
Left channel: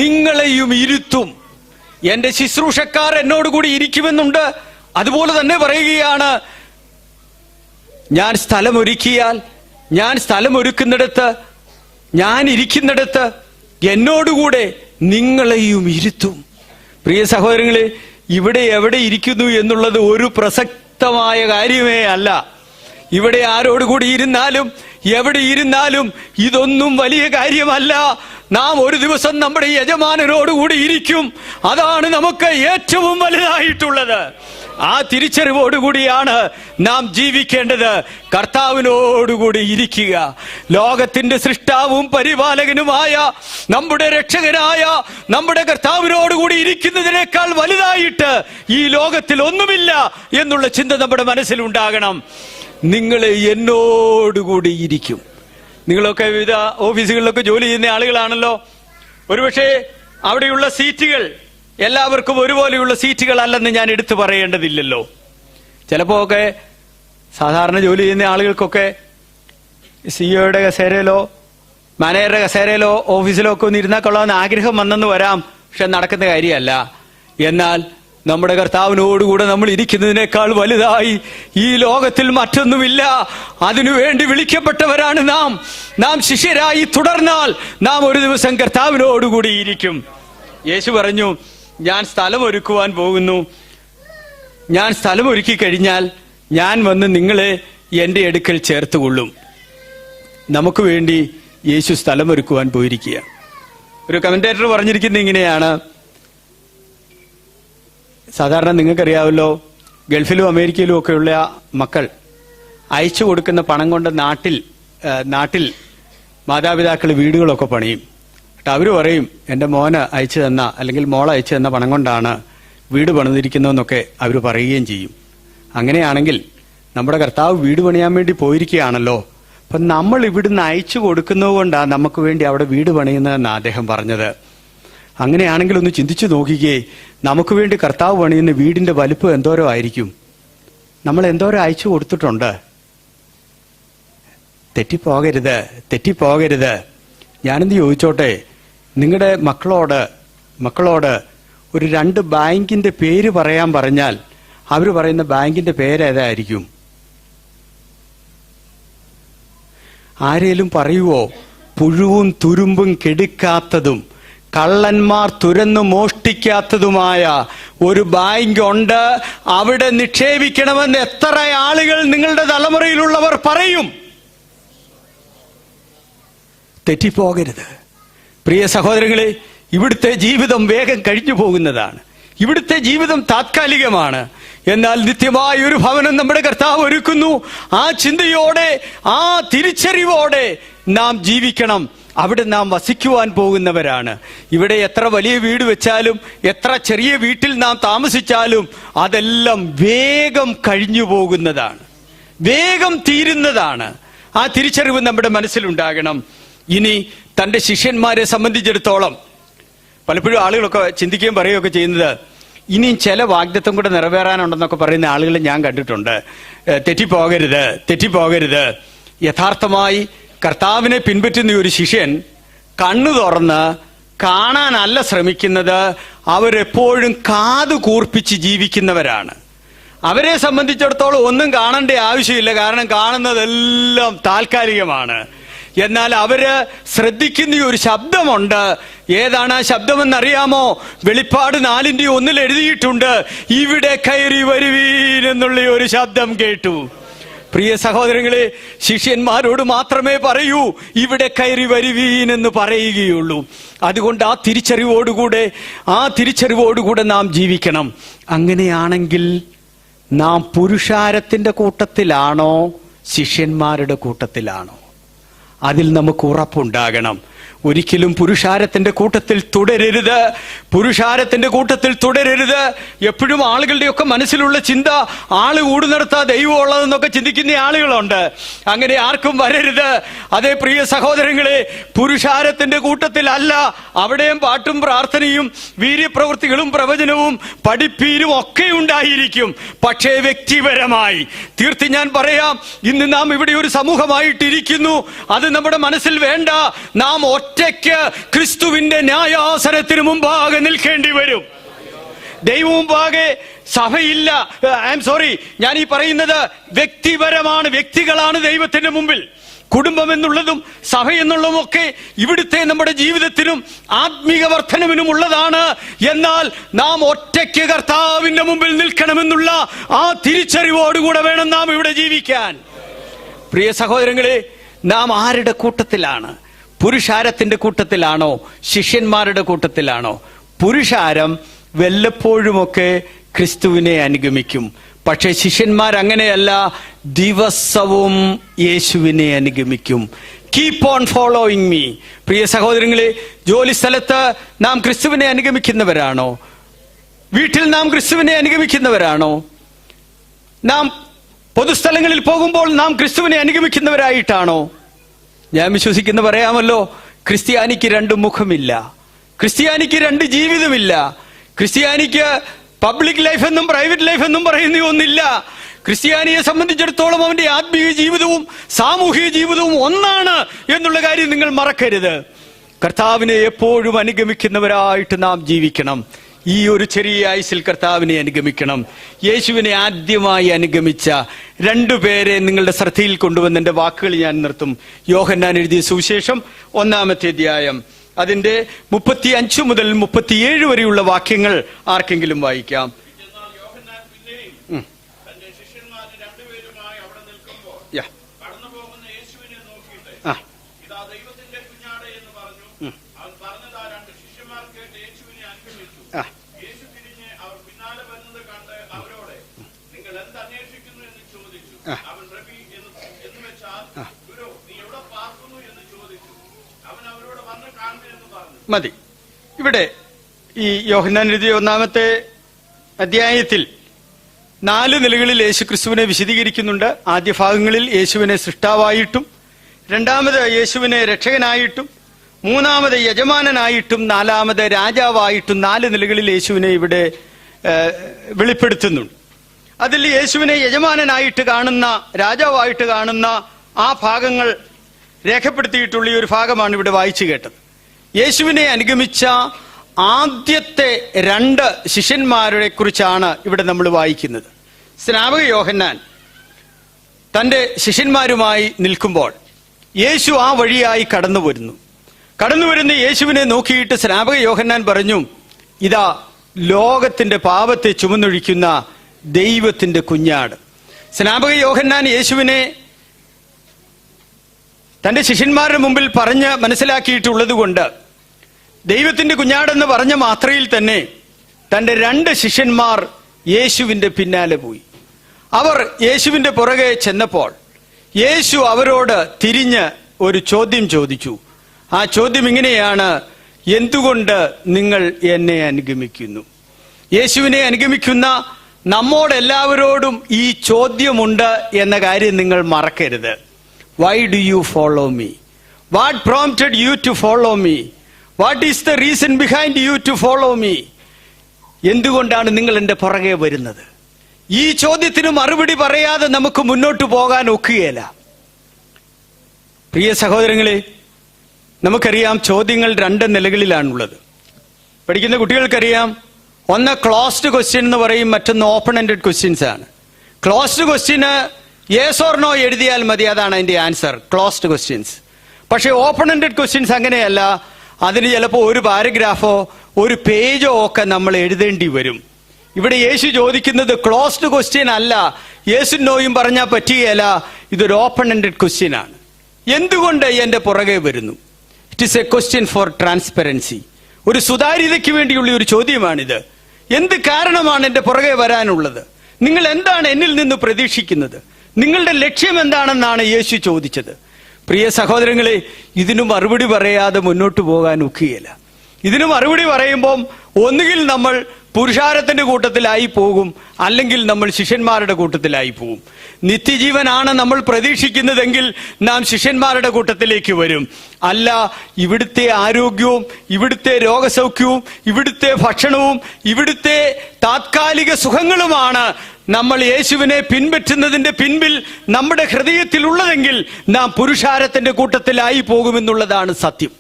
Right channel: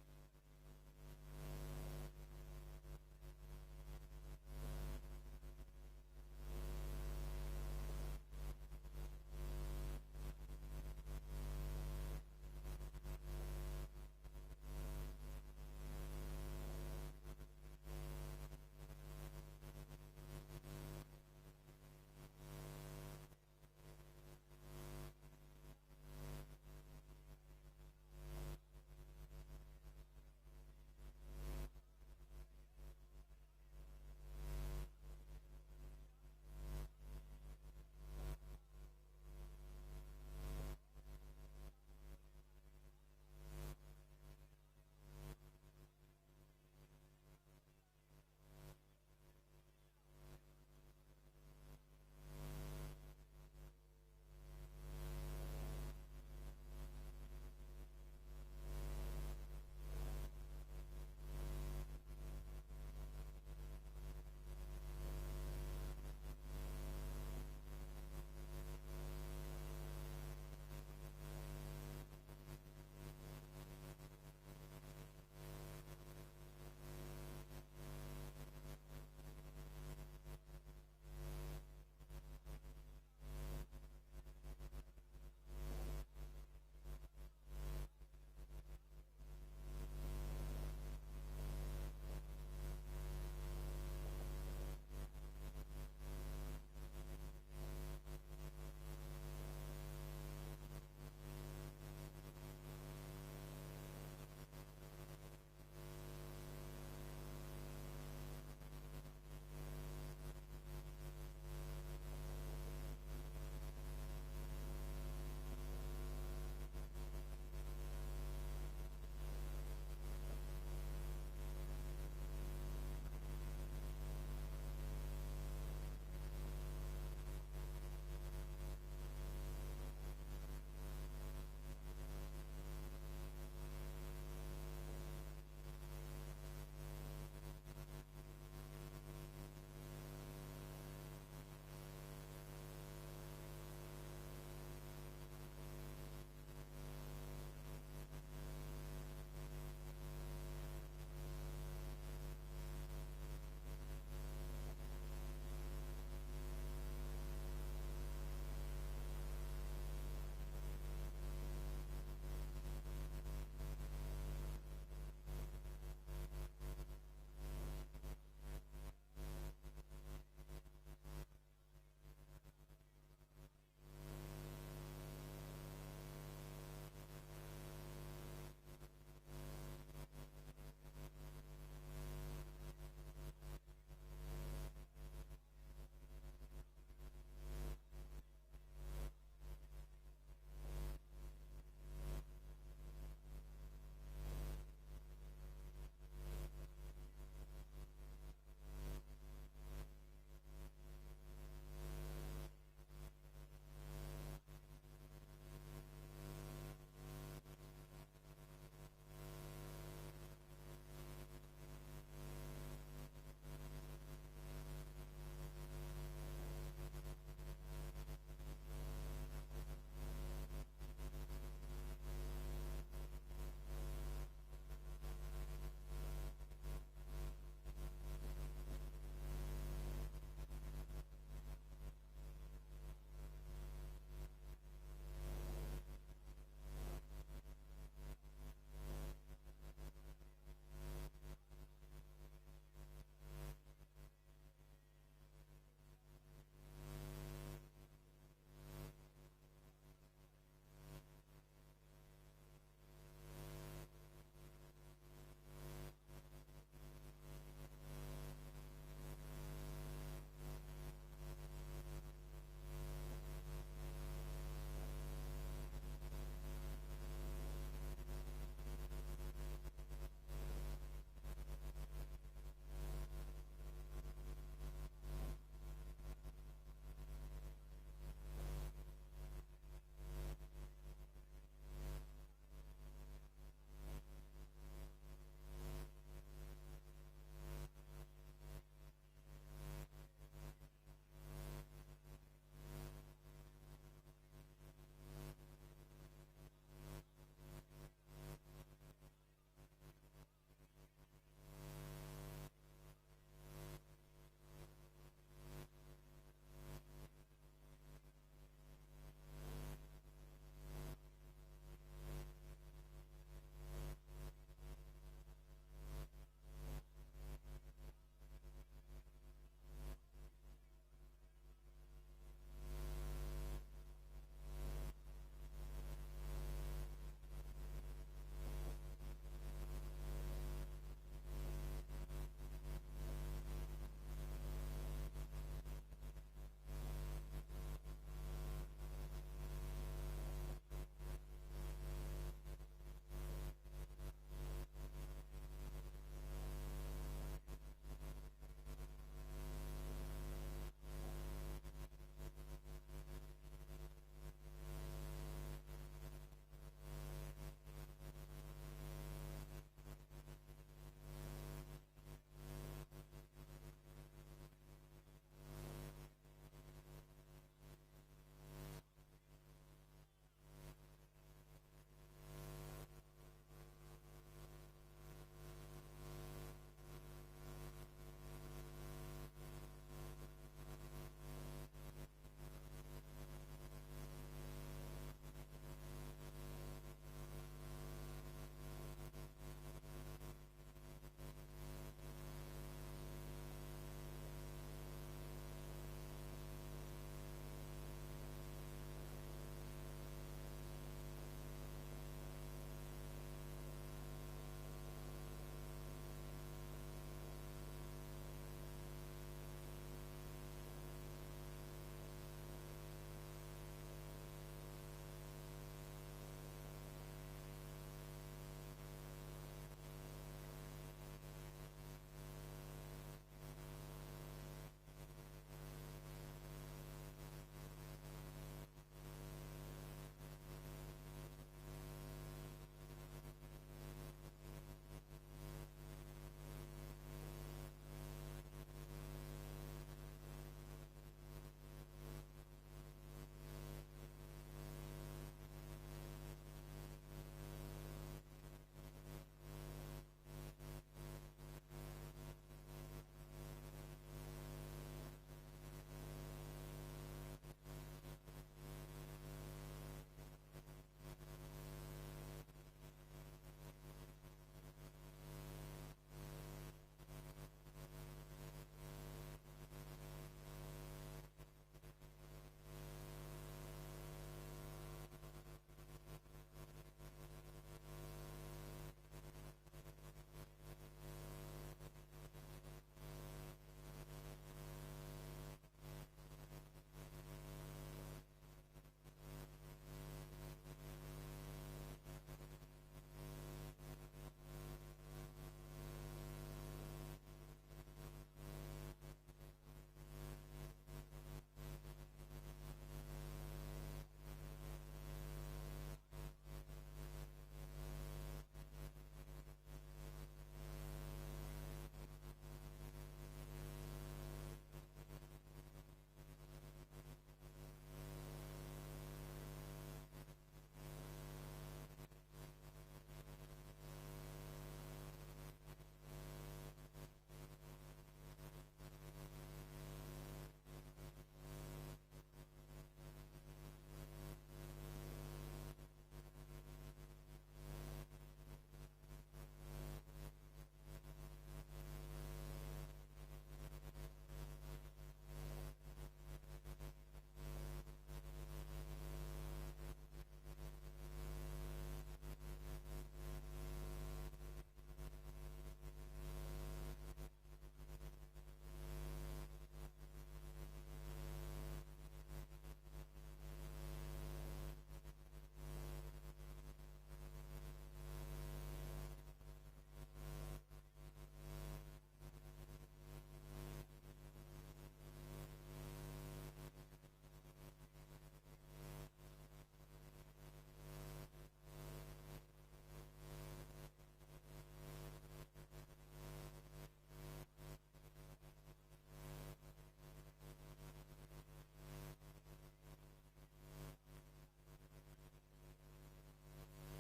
നിങ്ങളെയും ഇരുത്തും. എന്റെ ശുശ്രൂഷക്കാർ എന്നോടുകൂടി ഇരിക്കുമെന്നുണ്ട്. അതുപോലെ തന്നെ പറയുകയാണ്, ഞാൻ സ്ഥലമൊരുക്കിയാൽ, ഞാൻ സ്ഥലമൊരുക്കുന്നിടത്ത്, ഞാൻ ഇരിക്കുന്നിടത്ത് എന്നോടുകൂടെ നിങ്ങളെയും ഇരുത്തും. പ്രിയ സഹോദരങ്ങളെ, ഇവിടെ എവിടെ ഇരിക്കുന്നു എന്നുള്ളത് ഒരു പ്രസക്തമായ കാര്യമേ അല്ല. ഇവിടെ ആരോടുകൂടി ഇരുന്നാലും എവിടെ ഇരുന്നാലും ഇതൊന്നും വലിയ കാര്യമല്ല. നാം ഒരു ദിവസം നമ്മുടെ യജമാനനോടുകൂടി ഇരിക്കും. അതാണ് നമുക്ക് ഏറ്റവും വലുതായിട്ടുള്ളത്. ആ തിരിച്ചറിവോടുകൂടിയാണ് നാം ജീവിക്കേണ്ടത്. കർത്താവിനോടുകൂടി ഇരിക്കുക. ലോകത്തിന്റെ സൃഷ്ടാവും പരിപാലകനുമായ നമ്മുടെ രക്ഷകനായ നമ്മുടെ കർത്താവിനോടുകൂടി ഇരിക്കുന്നതിനേക്കാൾ വലുതായിട്ട് ഈ ലോകത്തിൽ ഒന്നുമില്ല എന്നുള്ള ചിന്ത നമ്മുടെ മനസ്സിലുണ്ടാകണം. നിങ്ങൾ എന്നോടുകൂടി ഇരിക്കും. നിങ്ങളൊക്കെ വിവിധ ഓഫീസുകളിലൊക്കെ ജോലി ചെയ്യുന്ന ആളുകളാണല്ലോ. ഒരുപക്ഷെ അവിടെയുള്ള സീറ്റുകൾ എല്ലാവർക്കും ഒരുപോലെയുള്ള സീറ്റുകളല്ലെന്ന് ഞാൻ എടുത്തു പറയേണ്ടതില്ലല്ലോ. ചിലപ്പോ ഒക്കെ സാധാരണ ജോലി ചെയ്യുന്ന ആളുകൾക്കൊക്കെ സിഇഒയുടെ കസേരയിലോ മാനേജറുടെ കസേരയിലോ ഓഫീസിലോ ഒക്കെ ഒന്ന് ഇരുന്നാൽ കൊള്ളാമെന്ന് ആഗ്രഹം വന്നെന്ന് വരാം. പക്ഷെ നടക്കുന്ന കാര്യമല്ല. എന്നാൽ നമ്മുടെ കർത്താവിനോടുകൂടെ നമ്മൾ ഇരിക്കുന്നതിനേക്കാൾ വലുതായി ഈ ലോകത്തിൽ മറ്റൊന്നുമില്ല. അതിനുവേണ്ടി വിളിക്കപ്പെട്ടവരാണ് നാം. നാം ശിഷ്യരായി തുടർന്നാൽ നാം ഒരു ദിവസം കർത്താവിനോടുകൂടി ഇരിക്കും. യേശു പറഞ്ഞു, ഞാൻ സ്ഥലം ഒരുക്കുവാൻ പോകുന്നു. ഞാൻ സ്ഥലം ഒരുക്കി കഴിഞ്ഞാൽ ഞാൻ വന്ന് നിങ്ങളെ എന്റെ അടുക്കൽ ചേർത്തുകൊള്ളും. നമുക്ക് വേണ്ടി യേശു സ്ഥലം ഒരുക്കുവാൻ പോയിരിക്കുക. ഒരു കമന്റേറ്റർ പറഞ്ഞിരിക്കുന്നത് ഇങ്ങനെയാണ്. സാധാരണ നിങ്ങൾക്കറിയാമല്ലോ, ഗൾഫിലും അമേരിക്കയിലും ഒക്കെയുള്ള മക്കൾ അയച്ചു കൊടുക്കുന്ന പണം കൊണ്ട് നാട്ടിൽ മാതാപിതാക്കൾ വീടുകളൊക്കെ പണിയും. എന്നിട്ട് അവർ പറയും, എൻ്റെ മോന് അയച്ചു തന്ന അല്ലെങ്കിൽ മോളെ അയച്ചു തന്ന പണം കൊണ്ടാണ് വീട് പണിതിരിക്കുന്നതെന്നൊക്കെ അവർ പറയുകയും ചെയ്യും. അങ്ങനെയാണെങ്കിൽ നമ്മുടെ കർത്താവ് വീട് പണിയാൻ വേണ്ടി പോയിരിക്കുകയാണല്ലോ. അപ്പം നമ്മൾ ഇവിടുന്ന് അയച്ചു കൊടുക്കുന്നത് കൊണ്ടാണ് നമുക്ക് വേണ്ടി അവിടെ വീട് പണിയുന്നതെന്നാണ് അദ്ദേഹം പറഞ്ഞത്. അങ്ങനെയാണെങ്കിൽ ഒന്ന് ചിന്തിച്ചു നോക്കിക്കേ, നമുക്ക് വേണ്ടി കർത്താവ് പണിയുന്ന വീടിന്റെ വലുപ്പം എന്തോരോ ആയിരിക്കും. നമ്മൾ എന്തോരം അയച്ചു കൊടുത്തിട്ടുണ്ട്. തെറ്റിപ്പോകരുത്. ഞാനെന്ത് ചോദിച്ചോട്ടെ, നിങ്ങളുടെ മക്കളോട് ഒരു 2 ബാങ്കിന്റെ പേര് പറയാൻ പറഞ്ഞാൽ അവർ പറയുന്ന ബാങ്കിന്റെ പേരേതായിരിക്കും? ആരേലും പറയുവോ? പുഴുവും തുരുമ്പും കെടുക്കാത്തതും കള്ളന്മാർ തുരന്നു മോഷ്ടിക്കാത്തതുമായ ഒരു ബാങ്ക് ഉണ്ട്, അവിടെ നിക്ഷേപിക്കണമെന്ന് എത്ര ആളുകൾ നിങ്ങളുടെ തലമുറയിലുള്ളവർ പറയും? തെറ്റിപ്പോകരുത്. പ്രിയ സഹോദരങ്ങളെ, ഇവിടുത്തെ ജീവിതം വേഗം കഴിഞ്ഞു പോകുന്നതാണ്. ഇവിടുത്തെ ജീവിതം താത്കാലികമാണ്. എന്നാൽ നിത്യമായ ഒരു ഭവനം നമ്മുടെ കർത്താവ് ഒരുക്കുന്നു. ആ ചിന്തയോടെ, ആ തിരിച്ചറിവോടെ നാം ജീവിക്കണം. അവിടെ നാം വസിക്കുവാൻ പോകുന്നവരാണ്. ഇവിടെ എത്ര വലിയ വീട് വെച്ചാലും എത്ര ചെറിയ വീട്ടിൽ നാം താമസിച്ചാലും അതെല്ലാം വേഗം കഴിഞ്ഞു പോകുന്നതാണ്, വേഗം തീരുന്നതാണ്. ആ തിരിച്ചറിവ് നമ്മുടെ മനസ്സിലുണ്ടാകണം. ഇനി തന്റെ ശിഷ്യന്മാരെ സംബന്ധിച്ചിടത്തോളം പലപ്പോഴും ആളുകളൊക്കെ ചിന്തിക്കുകയും പറയുകയൊക്കെ ചെയ്യുന്നത്, ഇനിയും ചില വാഗ്ദത്തം കൂടെ നിറവേറാനുണ്ടെന്നൊക്കെ പറയുന്ന ആളുകളെ ഞാൻ കണ്ടിട്ടുണ്ട്. തെറ്റിപ്പോകരുത്. യഥാർത്ഥമായി കർത്താവിനെ പിൻപറ്റുന്ന ഒരു ശിഷ്യൻ കണ്ണു തുറന്ന് കാണാനല്ല ശ്രമിക്കുന്നത്, അവരെപ്പോഴും കാതു കൂർപ്പിച്ച് ജീവിക്കുന്നവരാണ്. അവരെ സംബന്ധിച്ചിടത്തോളം ഒന്നും കാണേണ്ട ആവശ്യമില്ല, കാരണം കാണുന്നതെല്ലാം താൽക്കാലികമാണ്. എന്നാൽ അവര് ശ്രദ്ധിക്കുന്ന ഒരു ശബ്ദമുണ്ട്. ഏതാണ് ആ ശബ്ദമെന്നറിയാമോ? വെളിപ്പാട് 4:1 എഴുതിയിട്ടുണ്ട്, ഇവിടെ കയറി വരുവീൻ എന്നുള്ള ഒരു ശബ്ദം കേട്ടു. പ്രിയ സഹോദരങ്ങളെ, ശിഷ്യന്മാരോട് മാത്രമേ പറയൂ ഇവിടെ കയറി വരുവീൻ എന്ന് പറയുകയുള്ളൂ. അതുകൊണ്ട് ആ തിരിച്ചറിവോടുകൂടെ നാം ജീവിക്കണം. അങ്ങനെയാണെങ്കിൽ നാം പുരുഷാരത്തിന്റെ കൂട്ടത്തിലാണോ ശിഷ്യന്മാരുടെ കൂട്ടത്തിലാണോ? അതിൽ നമുക്ക് ഉറപ്പുണ്ടാകണം. ഒരിക്കലും പുരുഷാരത്തിന്റെ കൂട്ടത്തിൽ തുടരരുത്. എപ്പോഴും ആളുകളുടെയൊക്കെ മനസ്സിലുള്ള ചിന്ത, ആള് കൂടുന്നിടത്താ ദൈവം ഉള്ളതെന്നൊക്കെ ചിന്തിക്കുന്ന ആളുകളുണ്ട്. അങ്ങനെ ആർക്കും വരരുത്. അതേ പ്രിയ സഹോദരങ്ങളെ, പുരുഷാരത്തിന്റെ കൂട്ടത്തിലല്ല. അവിടെയും പാട്ടും പ്രാർത്ഥനയും വീര്യപ്രവൃത്തികളും പ്രവചനവും പഠിപ്പീരും ഒക്കെ ഉണ്ടായിരിക്കും. പക്ഷേ വ്യക്തിപരമായി തീർത്തി ഞാൻ പറയാം, ഇന്ന് നാം ഇവിടെ ഒരു സമൂഹമായിട്ടിരിക്കുന്നു. അത് നമ്മുടെ മനസ്സിൽ വേണ്ട. നാം ഒറ്റയ്ക്ക് ക്രിസ്തുവിന്റെ ന്യായാസനത്തിന് മുമ്പാകെ നിൽക്കേണ്ടി വരും. ദൈവം മുമ്പാകെ സഭയില്ല. ഞാൻ ഈ പറയുന്നത് വ്യക്തിപരമാണ്. വ്യക്തികളാണ് ദൈവത്തിന്റെ മുമ്പിൽ. കുടുംബം എന്നുള്ളതും സഭ എന്നുള്ളതും ഒക്കെ ഇവിടുത്തെ നമ്മുടെ ജീവിതത്തിനും ആത്മീക വർധനവിനും ഉള്ളതാണ്. എന്നാൽ നാം ഒറ്റയ്ക്ക് കർത്താവിന്റെ മുമ്പിൽ നിൽക്കണമെന്നുള്ള ആ തിരിച്ചറിവോടുകൂടെ വേണം നാം ഇവിടെ ജീവിക്കാൻ. പ്രിയ സഹോദരങ്ങളെ, നാം ആരുടെ കൂട്ടത്തിലാണ്? പുരുഷാരത്തിന്റെ കൂട്ടത്തിലാണോ? ശിഷ്യന്മാരുടെ കൂട്ടത്തിലാണോ? പുരുഷാരം വല്ലപ്പോഴുമൊക്കെ ക്രിസ്തുവിനെ അനുഗമിക്കും. പക്ഷെ ശിഷ്യന്മാർ അങ്ങനെയല്ല, ദിവസവും യേശുവിനെ അനുഗമിക്കും. Keep on following me. പ്രിയ സഹോദരങ്ങളെ, ജോലി സ്ഥലത്ത് നാം ക്രിസ്തുവിനെ അനുഗമിക്കുന്നവരാണോ? വീട്ടിൽ നാം ക്രിസ്തുവിനെ അനുഗമിക്കുന്നവരാണോ? നാം പൊതുസ്ഥലങ്ങളിൽ പോകുമ്പോൾ നാം ക്രിസ്തുവിനെ അനുഗമിക്കുന്നവരായിട്ടാണോ? ഞാൻ വിശ്വസിക്കുന്ന പറയാമല്ലോ, ക്രിസ്ത്യാനിക്ക് രണ്ട് മുഖമില്ല, ക്രിസ്ത്യാനിക്ക് രണ്ട് ജീവിതമില്ല, ക്രിസ്ത്യാനിക്ക് പബ്ലിക് ലൈഫ് എന്നും പ്രൈവറ്റ് ലൈഫ് എന്നും പറയുന്ന ഒന്നില്ല. ക്രിസ്ത്യാനിയെ സംബന്ധിച്ചിടത്തോളം അവന്റെ ആത്മീയ ജീവിതവും സാമൂഹിക ജീവിതവും ഒന്നാണ് എന്നുള്ള കാര്യം നിങ്ങൾ മറക്കരുത്. കർത്താവിനെ എപ്പോഴും അനുഗമിക്കുന്നവരായിട്ട് നാം ജീവിക്കണം. ഈ ഒരു ചെറിയ ആയുസ്സിൽ കർത്താവിനെ അനുഗമിക്കണം. യേശുവിനെ ആദ്യമായി അനുഗമിച്ച രണ്ടുപേരെ നിങ്ങളുടെ ശ്രദ്ധയിൽ കൊണ്ടുവന്ന് എന്റെ വാക്കുകൾ ഞാൻ നിർത്തും. യോഹന്നാൻ എഴുതിയ സുവിശേഷം 1-ാമത്തെ അധ്യായം, അതിന്റെ 35 മുതൽ 37 വരെയുള്ള വാക്യങ്ങൾ ആർക്കെങ്കിലും വായിക്കാം. മതി. ഇവിടെ ഈ യോഹന്നാൻ എഴുതിയ 1-ാമത്തെ അധ്യായത്തിൽ 4 നിലകളിൽ യേശു ക്രിസ്തുവിനെ വിശദീകരിക്കുന്നുണ്ട്. ആദ്യ ഭാഗങ്ങളിൽ യേശുവിനെ സൃഷ്ടാവായിട്ടും, രണ്ടാമത് യേശുവിനെ രക്ഷകനായിട്ടും, മൂന്നാമത് യജമാനനായിട്ടും, 4-ാമത് രാജാവായിട്ടും 4 നിലകളിൽ യേശുവിനെ ഇവിടെ വെളിപ്പെടുത്തുന്നുണ്ട്. അതിൽ യേശുവിനെ യജമാനനായിട്ട് കാണുന്ന, രാജാവായിട്ട് കാണുന്ന ആ ഭാഗങ്ങൾ രേഖപ്പെടുത്തിയിട്ടുള്ള ഈ ഒരു ഭാഗമാണ് ഇവിടെ വായിച്ചു കേട്ടത്. യേശുവിനെ അനുഗമിച്ച ആദ്യത്തെ 2 ശിഷ്യന്മാരെ കുറിച്ചാണ് ഇവിടെ നമ്മൾ വായിക്കുന്നത്. സ്നാപക യോഹന്നാൻ തന്റെ ശിഷ്യന്മാരുമായി നിൽക്കുമ്പോൾ യേശു ആ വഴിയായി കടന്നുവരുന്ന യേശുവിനെ നോക്കിയിട്ട് സ്നാപക യോഹന്നാൻ പറഞ്ഞു, ഇതാ ലോകത്തിന്റെ പാപത്തെ ചുമന്നൊഴിക്കുന്ന ദൈവത്തിന്റെ കുഞ്ഞാട്. സ്നാപക യോഹന്നാൻ യേശുവിനെ തന്റെ ശിഷ്യന്മാരുടെ മുമ്പിൽ പറഞ്ഞ് മനസ്സിലാക്കിയിട്ടുള്ളത് കൊണ്ട് ദൈവത്തിന്റെ കുഞ്ഞാടെന്ന് പറഞ്ഞ മാത്രയിൽ തന്നെ തന്റെ 2 ശിഷ്യന്മാർ യേശുവിന്റെ പിന്നാലെ പോയി. അവർ യേശുവിന്റെ പുറകെ ചെന്നപ്പോൾ യേശു അവരോട് തിരിഞ്ഞ് ഒരു ചോദ്യം ചോദിച്ചു. ആ ചോദ്യം ഇങ്ങനെയാണ്, എന്തുകൊണ്ട് നിങ്ങൾ എന്നെ അനുഗമിക്കുന്നു? യേശുവിനെ അനുഗമിക്കുന്ന നമ്മോടെല്ലാവരോടും ഈ ചോദ്യമുണ്ട് എന്ന കാര്യം നിങ്ങൾ മറക്കരുത്. Why do you follow me? What prompted you to follow me? What is the reason behind you to follow me? എന്തുകൊണ്ടാണ് നിങ്ങൾ എന്റെ പുറകെ വരുന്നത്? ഈ ചോദ്യത്തിന് മറുപടി പറയാതെ നമുക്ക് മുന്നോട്ട് പോകാൻ ഒക്കുകയില്ല. പ്രിയ സഹോദരങ്ങളെ, നമുക്കറിയാം ചോദ്യങ്ങൾ 2 നിലകളിലാണുള്ളത്. പഠിക്കുന്ന കുട്ടികൾക്കറിയാം, ഒന്ന് ക്ലോസ്ഡ് ക്വസ്റ്റ്യൻ എന്ന് പറയും, മറ്റൊന്ന് ഓപ്പൺ എൻഡഡ് ക്വസ്റ്റ്യൻസ് ആണ്. ക്ലോസ്ഡ് ക്വസ്റ്റ്യന് യെസ് ഓർ നോ എഴുതിയാൽ മതി, അതാണ് അതിന്റെ ആൻസർ, ക്ലോസ്ഡ് ക്വസ്റ്റ്യൻസ്. പക്ഷേ ഓപ്പൺ എൻഡഡ് ക്വസ്റ്റ്യൻസ് അങ്ങനെയല്ല. അതിന് ചിലപ്പോൾ ഒരു പാരഗ്രാഫോ ഒരു പേജോ ഒക്കെ നമ്മൾ എഴുതേണ്ടി വരും. ഇവിടെ യേശു ചോദിക്കുന്നത് ക്ലോസ്ഡ് ക്വസ്റ്റ്യൻ അല്ല, യേശു നോയും പറഞ്ഞാൽ പറ്റുകയല്ല, ഇതൊരു ഓപ്പൺ എൻഡഡ് ക്വസ്റ്റ്യൻ ആണ്. എന്തുകൊണ്ട് എന്റെ പുറകെ വരുന്നു? It is a question for transparency. ഒരു സുതാര്യതയ്ക്ക് വേണ്ടിയുള്ള ഒരു ചോദ്യമാണിത്. എന്ത് കാരണമാണ് എന്റെ പുറകെ വരാനുള്ളത്? നിങ്ങൾ എന്താണ് എന്നിൽ നിന്ന് പ്രതീക്ഷിക്കുന്നത്? നിങ്ങളുടെ ലക്ഷ്യം എന്താണെന്നാണ് യേശു ചോദിച്ചത്. പ്രിയ സഹോദരങ്ങളെ, ഇതിനു മറുപടി പറയാതെ മുന്നോട്ട് പോകാൻ ഒക്കുകയില്ല. ഇതിനു മറുപടി പറയുമ്പം ഒന്നുകിൽ നമ്മൾ പുരുഷാരത്തിന്റെ കൂട്ടത്തിലായി പോകും, അല്ലെങ്കിൽ നമ്മൾ ശിഷ്യന്മാരുടെ കൂട്ടത്തിലായി പോകും. നിത്യജീവനാണ് നമ്മൾ പ്രതീക്ഷിക്കുന്നതെങ്കിൽ നാം ശിഷ്യന്മാരുടെ കൂട്ടത്തിലേക്ക് വരും. അല്ല, ഇവിടുത്തെ ആരോഗ്യവും ഇവിടുത്തെ രോഗസൗഖ്യവും ഇവിടുത്തെ ഭക്ഷണവും ഇവിടുത്തെ താത്കാലിക സുഖങ്ങളുമാണ് നമ്മൾ യേശുവിനെ പിൻപറ്റുന്നതിന്റെ പിൻപിൽ നമ്മുടെ ഹൃദയത്തിൽ ഉള്ളതെങ്കിൽ നാം പുരുഷാരത്തിന്റെ കൂട്ടത്തിലായി പോകുമെന്നുള്ളതാണ് സത്യം.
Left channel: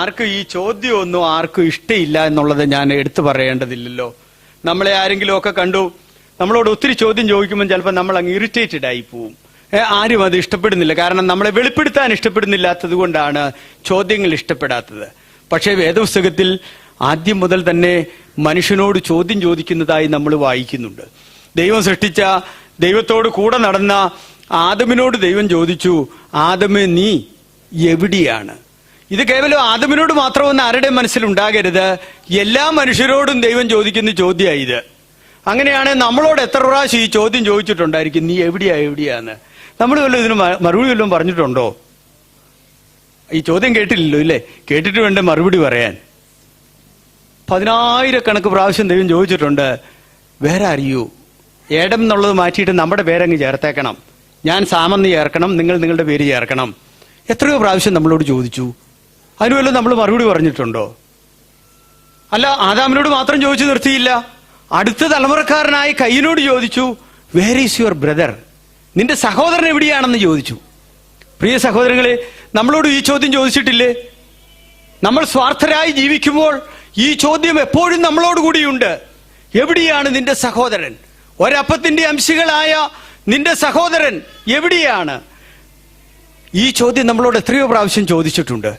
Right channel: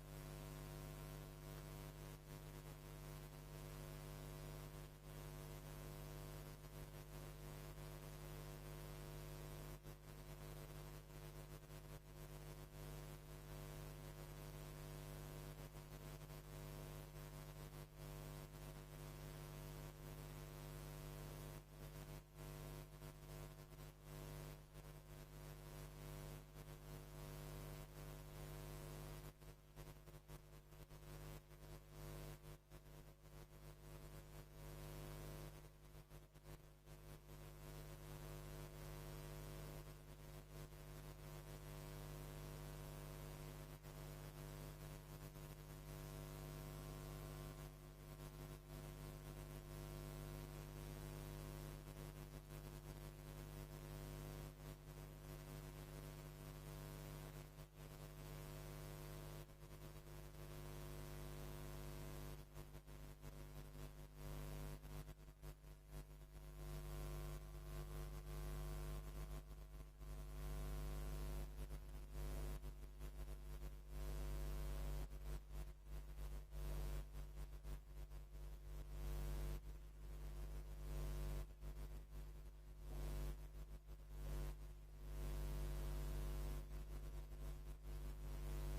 ആർക്കും ഈ ചോദ്യമൊന്നും ആർക്കും ഇഷ്ടമില്ല എന്നുള്ളത് ഞാൻ എടുത്തു പറയേണ്ടതില്ലല്ലോ. നമ്മളെ ആരെങ്കിലും ഒക്കെ കണ്ടു നമ്മളോട് ഒത്തിരി ചോദ്യം ചോദിക്കുമ്പോൾ ചിലപ്പോൾ നമ്മൾ അങ്ങ് ഇറിറ്റേറ്റഡ് ആയി പോവും. ആരും അത് ഇഷ്ടപ്പെടുന്നില്ല. കാരണം നമ്മളെ വെളിപ്പെടുത്താൻ ഇഷ്ടപ്പെടുന്നില്ലാത്തത് കൊണ്ടാണ് ചോദ്യങ്ങൾ ഇഷ്ടപ്പെടാത്തത്. പക്ഷേ വേദപുസ്തകത്തിൽ ആദ്യം മുതൽ തന്നെ മനുഷ്യനോട് ചോദ്യം ചോദിക്കുന്നതായി നമ്മൾ വായിക്കുന്നുണ്ട്. ദൈവം സൃഷ്ടിച്ച, ദൈവത്തോട് കൂടെ നടന്ന ആദമിനോട് ദൈവം ചോദിച്ചു, ആദമേ നീ എവിടെയാണ്? ഇത് കേവലം ആദമിനോട് മാത്രമെന്ന് ആരുടെ മനസ്സിലുണ്ടാകരുത്, എല്ലാ മനുഷ്യരോടും ദൈവം ചോദിക്കുന്ന ചോദ്യമായി ഇത്. അങ്ങനെയാണ് നമ്മളോട് എത്ര പ്രാവശ്യം ഈ ചോദ്യം ചോദിച്ചിട്ടുണ്ടായിരിക്കും, നീ എവിടെയാന്ന്. നമ്മൾ വല്ലതും ഇതിന് മറുപടി വല്ലതും പറഞ്ഞിട്ടുണ്ടോ? ഈ ചോദ്യം കേട്ടില്ലല്ലോ, ഇല്ലേ? കേട്ടിട്ട് വേണ്ട മറുപടി പറയാൻ. 10,000 പ്രാവശ്യം ദൈവം ചോദിച്ചിട്ടുണ്ട്, വേറെ അറിയൂ, ഏടം എന്നുള്ളത് മാറ്റിയിട്ട് നമ്മുടെ പേരങ്ങ് ചേർത്തേക്കണം, ഞാൻ സാമെന്ന് ചേർക്കണം, നിങ്ങൾ നിങ്ങളുടെ പേര് ചേർക്കണം. എത്രയോ പ്രാവശ്യം നമ്മളോട് ചോദിച്ചു. അതിനുവല്ലോ നമ്മൾ മറുപടി പറഞ്ഞിട്ടുണ്ടോ? അല്ല, ആദാമിനോട് മാത്രം ചോദിച്ചു നിർത്തിയില്ല. അടുത്ത തലമുറക്കാരനായ കയ്യനോട് ചോദിച്ചു, വേർ ഈസ് യുവർ ബ്രദർ? നിന്റെ സഹോദരൻ എവിടെയാണെന്ന് ചോദിച്ചു. പ്രിയ സഹോദരങ്ങളെ, നമ്മളോട് ഈ ചോദ്യം ചോദിച്ചിട്ടില്ലേ? നമ്മൾ സ്വാർത്ഥരായി ജീവിക്കുമ്പോൾ ഈ ചോദ്യം എപ്പോഴും നമ്മളോട് കൂടിയുണ്ട്. എവിടെയാണ് നിന്റെ സഹോദരൻ? ഒരപ്പത്തിന്റെ അംശികളായ നിന്റെ സഹോദരൻ എവിടെയാണ്? ഈ ചോദ്യം നമ്മളോട് എത്രയോ പ്രാവശ്യം ചോദിച്ചിട്ടുണ്ട്.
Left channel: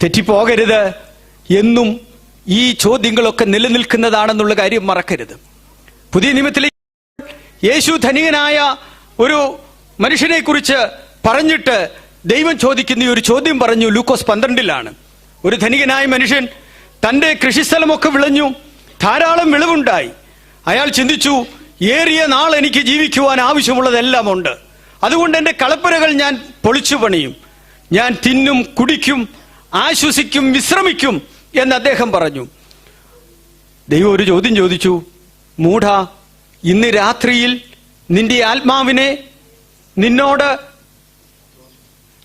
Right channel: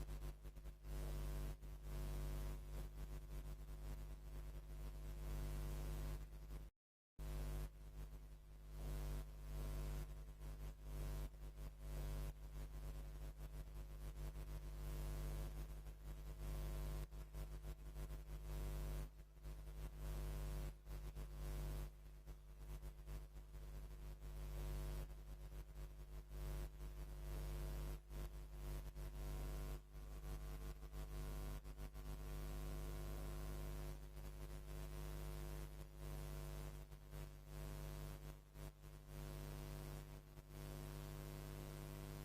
തെറ്റിപ്പോകരുത്. എന്നും ഈ ചോദ്യങ്ങളൊക്കെ നിലനിൽക്കുന്നതാണെന്നുള്ള കാര്യം മറക്കരുത്. പുതിയ നിയമത്തിലെ യേശു ധനികനായ ഒരു മനുഷ്യനെ കുറിച്ച് പറഞ്ഞിട്ട് ദൈവം ചോദിക്കുന്ന ഒരു ചോദ്യം പറഞ്ഞു. ലൂക്കോസ് 12 ഒരു ധനികനായ മനുഷ്യൻ, തന്റെ കൃഷിസ്ഥലമൊക്കെ വിളഞ്ഞു, ധാരാളം വിളവുണ്ടായി. അയാൾ ചിന്തിച്ചു, ഏറിയ നാൾ എനിക്ക് ജീവിക്കുവാൻ ആവശ്യമുള്ളതെല്ലാം ഉണ്ട്, അതുകൊണ്ട് എന്റെ കളപ്പുരകൾ ഞാൻ പൊളിച്ചു പണിയും, ഞാൻ തിന്നും കുടിക്കും, ആശ്വസിക്കും, വിശ്രമിക്കും എന്ന് അദ്ദേഹം പറഞ്ഞു. ദൈവം ഒരു ചോദ്യം ചോദിച്ചു, മൂഢ, ഇന്ന് രാത്രിയിൽ നിന്റെ ആത്മാവിനെ നിന്നോട്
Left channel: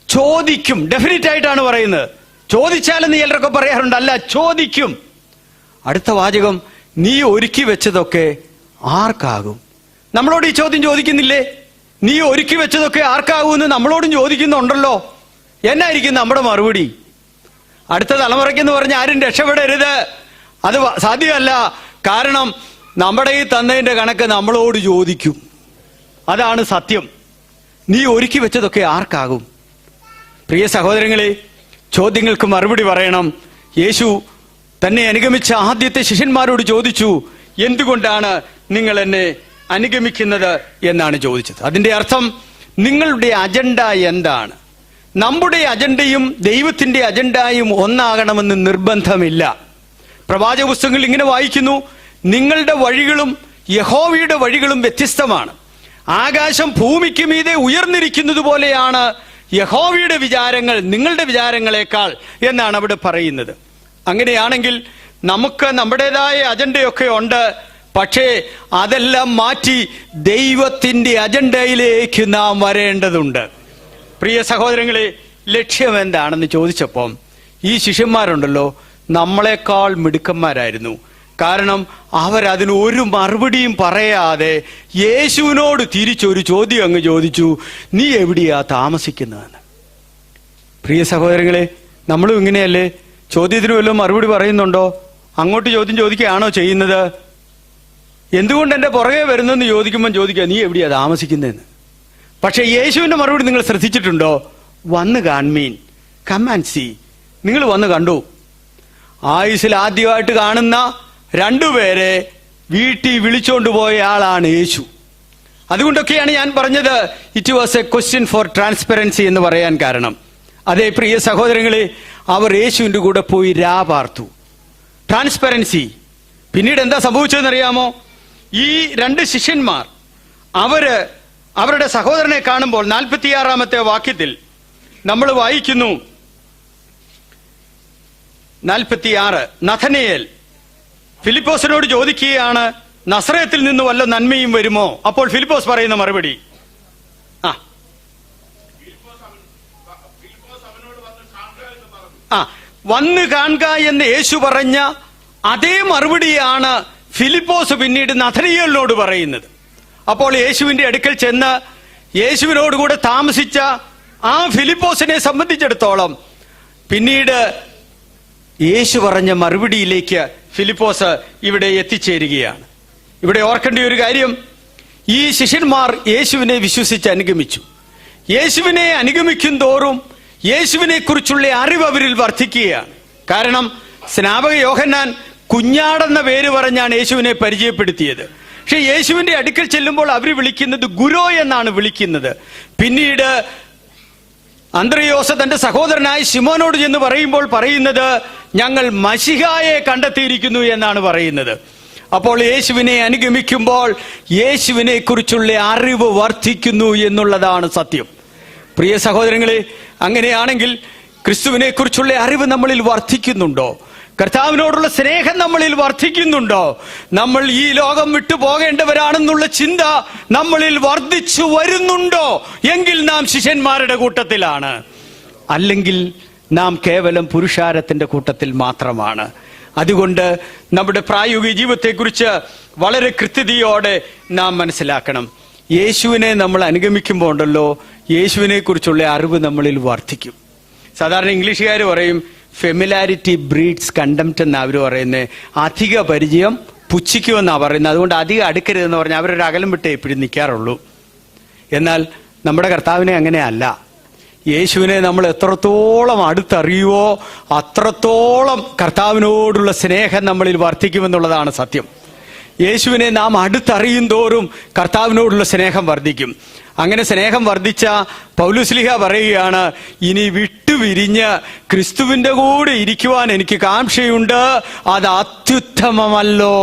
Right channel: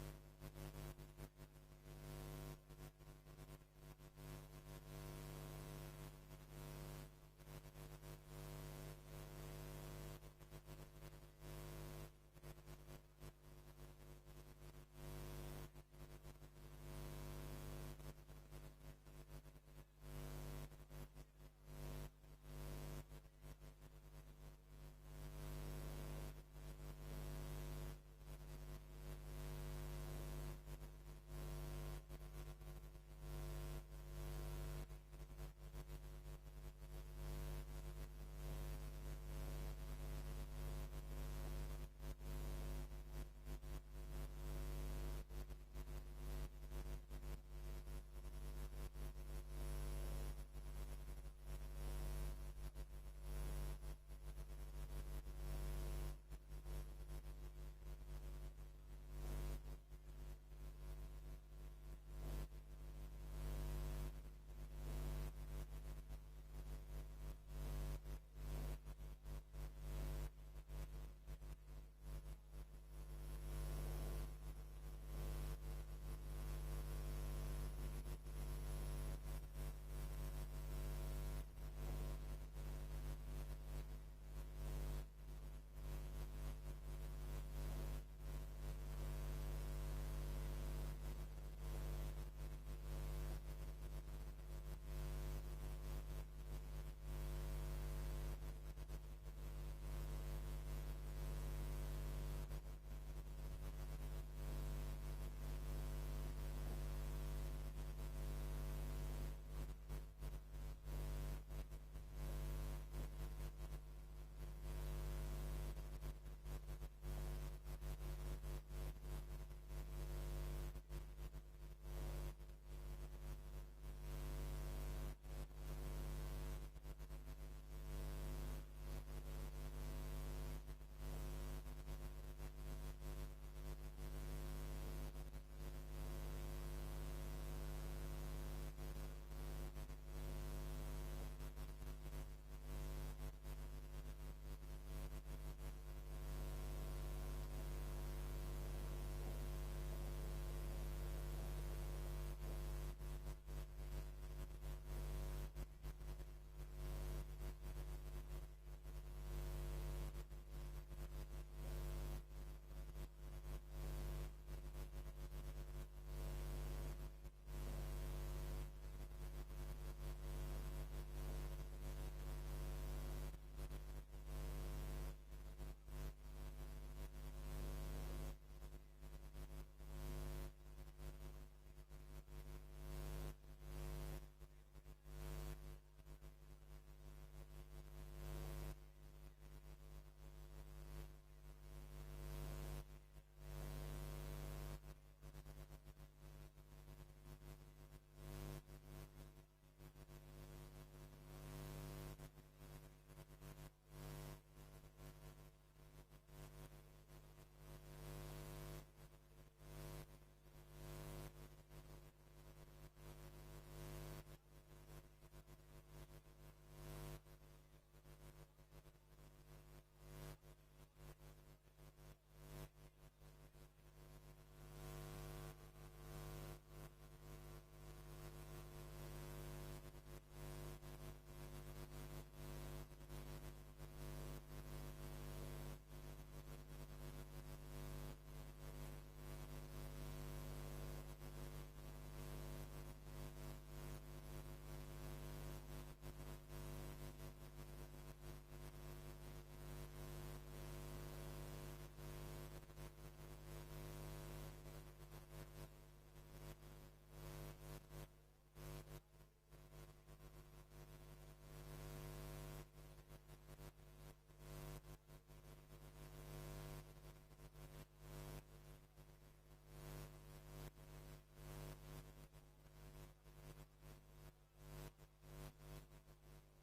ചോദിക്കും. ഡെഫിനറ്റ് ആയിട്ടാണ് പറയുന്നത്. ചോദിച്ചാലെന്ന് ചിലരൊക്കെ പറയാറുണ്ട്, അല്ല, ചോദിക്കും. അടുത്ത വാചകം, നീ ഒരുക്കി വെച്ചതൊക്കെ ആർക്കാകും? നമ്മളോട് ഈ ചോദ്യം ചോദിക്കുന്നില്ലേ? നീ ഒരുക്കി വെച്ചതൊക്കെ ആർക്കാകുമെന്ന് നമ്മളോടും ചോദിക്കുന്നുണ്ടല്ലോ. എന്നായിരിക്കും നമ്മുടെ മറുപടി? അടുത്ത തലമുറയ്ക്കെന്ന് പറഞ്ഞ് ആരും രക്ഷപ്പെടരുത്, അത് സാധ്യമല്ല. കാരണം നമ്മുടെ ഈ തന്നതിന്റെ കണക്ക് നമ്മളോട് ചോദിക്കും. അതാണ് സത്യം. നീ ഒരുക്കി വെച്ചതൊക്കെ ആർക്കാകും? പ്രിയ സഹോദരങ്ങളെ, ചോദ്യങ്ങൾക്ക് മറുപടി പറയണം. യേശു തന്നെ അനുഗമിച്ച ആദ്യത്തെ ശിഷ്യന്മാരോട് ചോദിച്ചു, എന്തുകൊണ്ടാണ് നിങ്ങൾ എന്നെ അനുഗമിക്കുന്നത് എന്നാണ് ചോദിച്ചത്. അതിന്റെ അർത്ഥം, നിങ്ങളുടെ അജണ്ട എന്താണ്? നമ്മുടെ അജണ്ടയും ദൈവത്തിന്റെ അജണ്ടയും ഒന്നാകണമെന്ന് നിർബന്ധമില്ല. പ്രവാചക പുസ്തകങ്ങളിൽ ഇങ്ങനെ വായിക്കുന്നു, നിങ്ങളുടെ വഴികളും യഹോവയുടെ വഴികളും വ്യത്യസ്തമാണ്. ആകാശം ഭൂമിക്ക് മീതെ ഉയർന്നിരിക്കുന്നത് പോലെയാണ് യഹോവയുടെ വിചാരങ്ങൾ നിങ്ങളുടെ വിചാരങ്ങളെക്കാൾ എന്നാണ് അവിടെ പറയുന്നത്. അങ്ങനെയാണെങ്കിൽ നമുക്ക് നമ്മുടേതായ അജണ്ടയൊക്കെ ഉണ്ട്. പക്ഷേ അതെല്ലാം മാറ്റി ദൈവത്തിന്റെ അജണ്ടയിലേക്ക് നാം വരേണ്ടതുണ്ട്. പ്രിയ സഹോദരങ്ങളെ, ലക്ഷ്യം എന്താണെന്ന് ചോദിച്ചപ്പം ഈ ശിഷ്യന്മാരുണ്ടല്ലോ, നമ്മളെക്കാൾ മിടുക്കന്മാരായിരുന്നു. കാരണം അവരതിന് ഒരു മറുപടിയും പറയാതെ യേശുവിനോട് തിരിച്ചൊരു ചോദ്യം അങ്ങ് ചോദിച്ചു, നീ എവിടെയാ താമസിക്കുന്നതെന്ന്. പ്രിയ സഹോദരങ്ങളെ, നമ്മളും ഇങ്ങനെയല്ലേ? ചോദ്യത്തിന് വല്ലതും മറുപടി പറയുന്നുണ്ടോ? അങ്ങോട്ട് ചോദ്യം ചോദിക്കുകയാണോ ചെയ്യുന്നത്? എന്തുകൊണ്ട് എന്റെ പുറകെ വരുന്നെന്ന് ചോദിക്കുമ്പോൾ ചോദിക്കുക, നീ എവിടെയാ താമസിക്കുന്നതെന്ന്. പക്ഷെ യേശുവിന്റെ മറുപടി നിങ്ങൾ ശ്രദ്ധിച്ചിട്ടുണ്ടോ? വന്ന് കാൺമീൻ, കം ആൻഡ് സീ. നിങ്ങൾ വന്ന് കണ്ടു. ആയുസിൽ ആദ്യമായിട്ട് കാണുന്ന 2 പേരെ വീട്ടിൽ വിളിച്ചോണ്ട് പോയ ആളാണ് യേശു. അതുകൊണ്ടൊക്കെയാണ് ഞാൻ പറഞ്ഞത് it was a question for transparency എന്ന് പറയാൻ കാരണം. അതേ പ്രിയ സഹോദരങ്ങളെ, അവർ യേശുവിന്റെ കൂടെ പോയി പാർത്തു. ട്രാൻസ്പെറൻസി. പിന്നീട് എന്താ സംഭവിച്ചതെന്നറിയാമോ? ഈ 2 ശിഷ്യന്മാർ അവരുടെ സഹോദരനെ കാണുമ്പോൾ 46 വാക്യത്തിൽ നമ്മൾ വായിക്കുന്നു, 46, നഥനയേൽ ഫിലിപ്പോസിനോട് ചോദിക്കുകയാണ്, നസറേത്തിൽ നിന്ന് വല്ല നന്മയും വരുമോ? അപ്പോൾ ഫിലിപ്പോസ് പറയുന്ന മറുപടി, വന്ന് കാണുക എന്ന് യേശു പറഞ്ഞ അതേ മറുപടിയാണ് ഫിലിപ്പോസ് പിന്നീട് നഥനയേലിനോട് പറയുന്നത്. അപ്പോൾ യേശുവിന്റെ അടുക്കൽ ചെന്ന് യേശുവിനോട് കൂടെ താമസിച്ച ആ ഫിലിപ്പോസിനെ സംബന്ധിച്ചിടത്തോളം പിന്നീട് യേശു പറഞ്ഞ മറുപടിയിലേക്ക് ഫിലിപ്പോസ് ഇവിടെ എത്തിച്ചേരുകയാണ്. ഇവിടെ ഓർക്കേണ്ട ഒരു കാര്യം, ഈ ശിഷ്യന്മാർ യേശുവിനെ വിശ്വസിച്ച് അനുഗമിച്ചു. യേശുവിനെ അനുഗമിക്കും തോറും യേശുവിനെ കുറിച്ചുള്ള അറിവ് അവരിൽ വർദ്ധിക്കുകയാണ്. കാരണം സ്നാപക യോഹന്നാൻ കുഞ്ഞാടെന്ന പേര് പറഞ്ഞാണ് യേശുവിനെ പരിചയപ്പെടുത്തിയത്. പക്ഷെ യേശുവിന്റെ അടുക്കൽ ചെല്ലുമ്പോൾ അവർ വിളിക്കുന്നത് ഗുരു എന്നാണ് വിളിക്കുന്നത്. പിന്നീട് അന്ത്രയോസ് തന്റെ സഹോദരനായ ശിമോനോട് ചെന്ന് പറയുമ്പോൾ പറയുന്നത് ഞങ്ങൾ മശിഹായെ കണ്ടെത്തിയിരിക്കുന്നു എന്നാണ് പറയുന്നത്. അപ്പോൾ യേശുവിനെ അനുഗമിക്കുമ്പോൾ യേശുവിനെ കുറിച്ചുള്ള അറിവ് വർദ്ധിക്കുന്നു എന്നുള്ളതാണ് സത്യം. പ്രിയ സഹോദരങ്ങളെ, അങ്ങനെയാണെങ്കിൽ ക്രിസ്തുവിനെ കുറിച്ചുള്ള അറിവ് നമ്മളിൽ വർദ്ധിക്കുന്നുണ്ടോ? കർത്താവിനോടുള്ള സ്നേഹം നമ്മളിൽ വർദ്ധിക്കുന്നുണ്ടോ? നമ്മൾ ഈ ലോകം വിട്ടു പോകേണ്ടവരാണെന്നുള്ള ചിന്ത നമ്മളിൽ വർദ്ധിച്ചു വരുന്നുണ്ടോ? എങ്കിൽ നാം ശിഷ്യന്മാരുടെ കൂട്ടത്തിലാണ്, അല്ലെങ്കിൽ നാം കേവലം പുരുഷാരത്തിന്റെ കൂട്ടത്തിൽ മാത്രമാണ്. അതുകൊണ്ട് നമ്മുടെ പ്രായോഗിക ജീവിതത്തെക്കുറിച്ച് വളരെ കൃത്യതയോടെ നാം മനസ്സിലാക്കണം. യേശുവിനെ നമ്മൾ അനുഗമിക്കുമ്പോൾ ഉണ്ടല്ലോ, യേശുവിനെ കുറിച്ചുള്ള അറിവ് നമ്മളിൽ വർദ്ധിക്കും. സാധാരണ ഇംഗ്ലീഷുകാർ പറയും ഫെമിലാരിറ്റി ബ്രീഡ്സ് കണ്ടംപ്റ്റ് എന്നാണ് അവർ പറയുന്നത്. അധിക പരിചയം പുച്ഛിക്കുമെന്നാണ് പറയുന്നത്. അതുകൊണ്ട് അധികം അടുക്കരുതെന്ന് പറഞ്ഞാൽ അവരൊരു അകലം വിട്ടേ എപ്പോഴും നിൽക്കാറുള്ളൂ. എന്നാൽ നമ്മുടെ കർത്താവിനെ അങ്ങനെയല്ല. യേശുവിനെ നമ്മൾ എത്രത്തോളം അടുത്തറിയുവോ അത്രത്തോളം കർത്താവിനോടുള്ള സ്നേഹം നമ്മളിൽ വർദ്ധിക്കുമെന്നുള്ളതാണ് സത്യം. യേശുവിനെ നാം അടുത്തറിയും തോറും കർത്താവിനോടുള്ള സ്നേഹം വർദ്ധിക്കും. അങ്ങനെ സ്നേഹം വർദ്ധിച്ച പൗലോസ്ലീഹ പറയുകയാണ്, ഇനി വിട്ടുപിരിഞ്ഞ് ക്രിസ്തുവിന്റെ കൂടെ ഇരിക്കുവാൻ എനിക്ക് കാംക്ഷയുണ്ട്, അത് അത്യുത്തമമല്ലോ.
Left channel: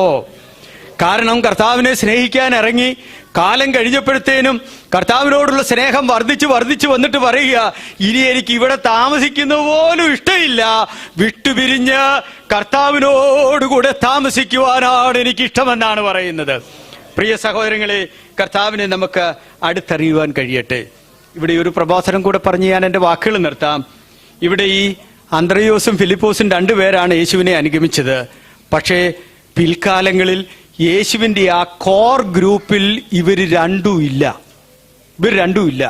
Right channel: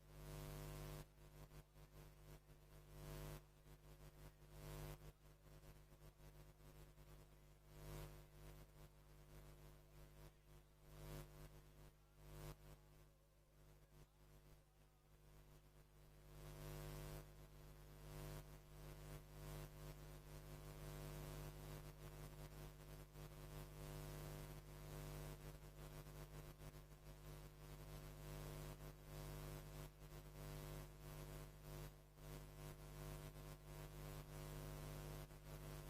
കാരണം കർത്താവിനെ സ്നേഹിക്കാൻ ഇറങ്ങി കാലം കഴിഞ്ഞപ്പോഴത്തേനും കർത്താവിനോടുള്ള സ്നേഹം വർദ്ധിച്ചു വന്നിട്ട് പറയുക, ഇനി എനിക്ക് ഇവിടെ താമസിക്കുന്നത് പോലും ഇഷ്ടമില്ല, വിട്ടുപിരിഞ്ഞ് കർത്താവിനോടുകൂടെ താമസിക്കുവാനാണ് എനിക്കിഷ്ടമെന്നാണ് പറയുന്നത്. പ്രിയ സഹോദരങ്ങളെ, കർത്താവിനെ നമുക്ക് അടുത്തറിയുവാൻ കഴിയട്ടെ. ഇവിടെ ഒരു പ്രഭാഷണം കൂടെ പറഞ്ഞ് ഞാൻ എൻ്റെ വാക്കുകൾ നിർത്താം. ഇവിടെ ഈ അന്ത്രയോസും ഫിലിപ്പോസും രണ്ടുപേരാണ് യേശുവിനെ അനുഗമിച്ചത്. പക്ഷേ പിൽക്കാലങ്ങളിൽ യേശുവിൻ്റെ ആ കോർ ഗ്രൂപ്പിൽ ഇവർ രണ്ടും ഇല്ല.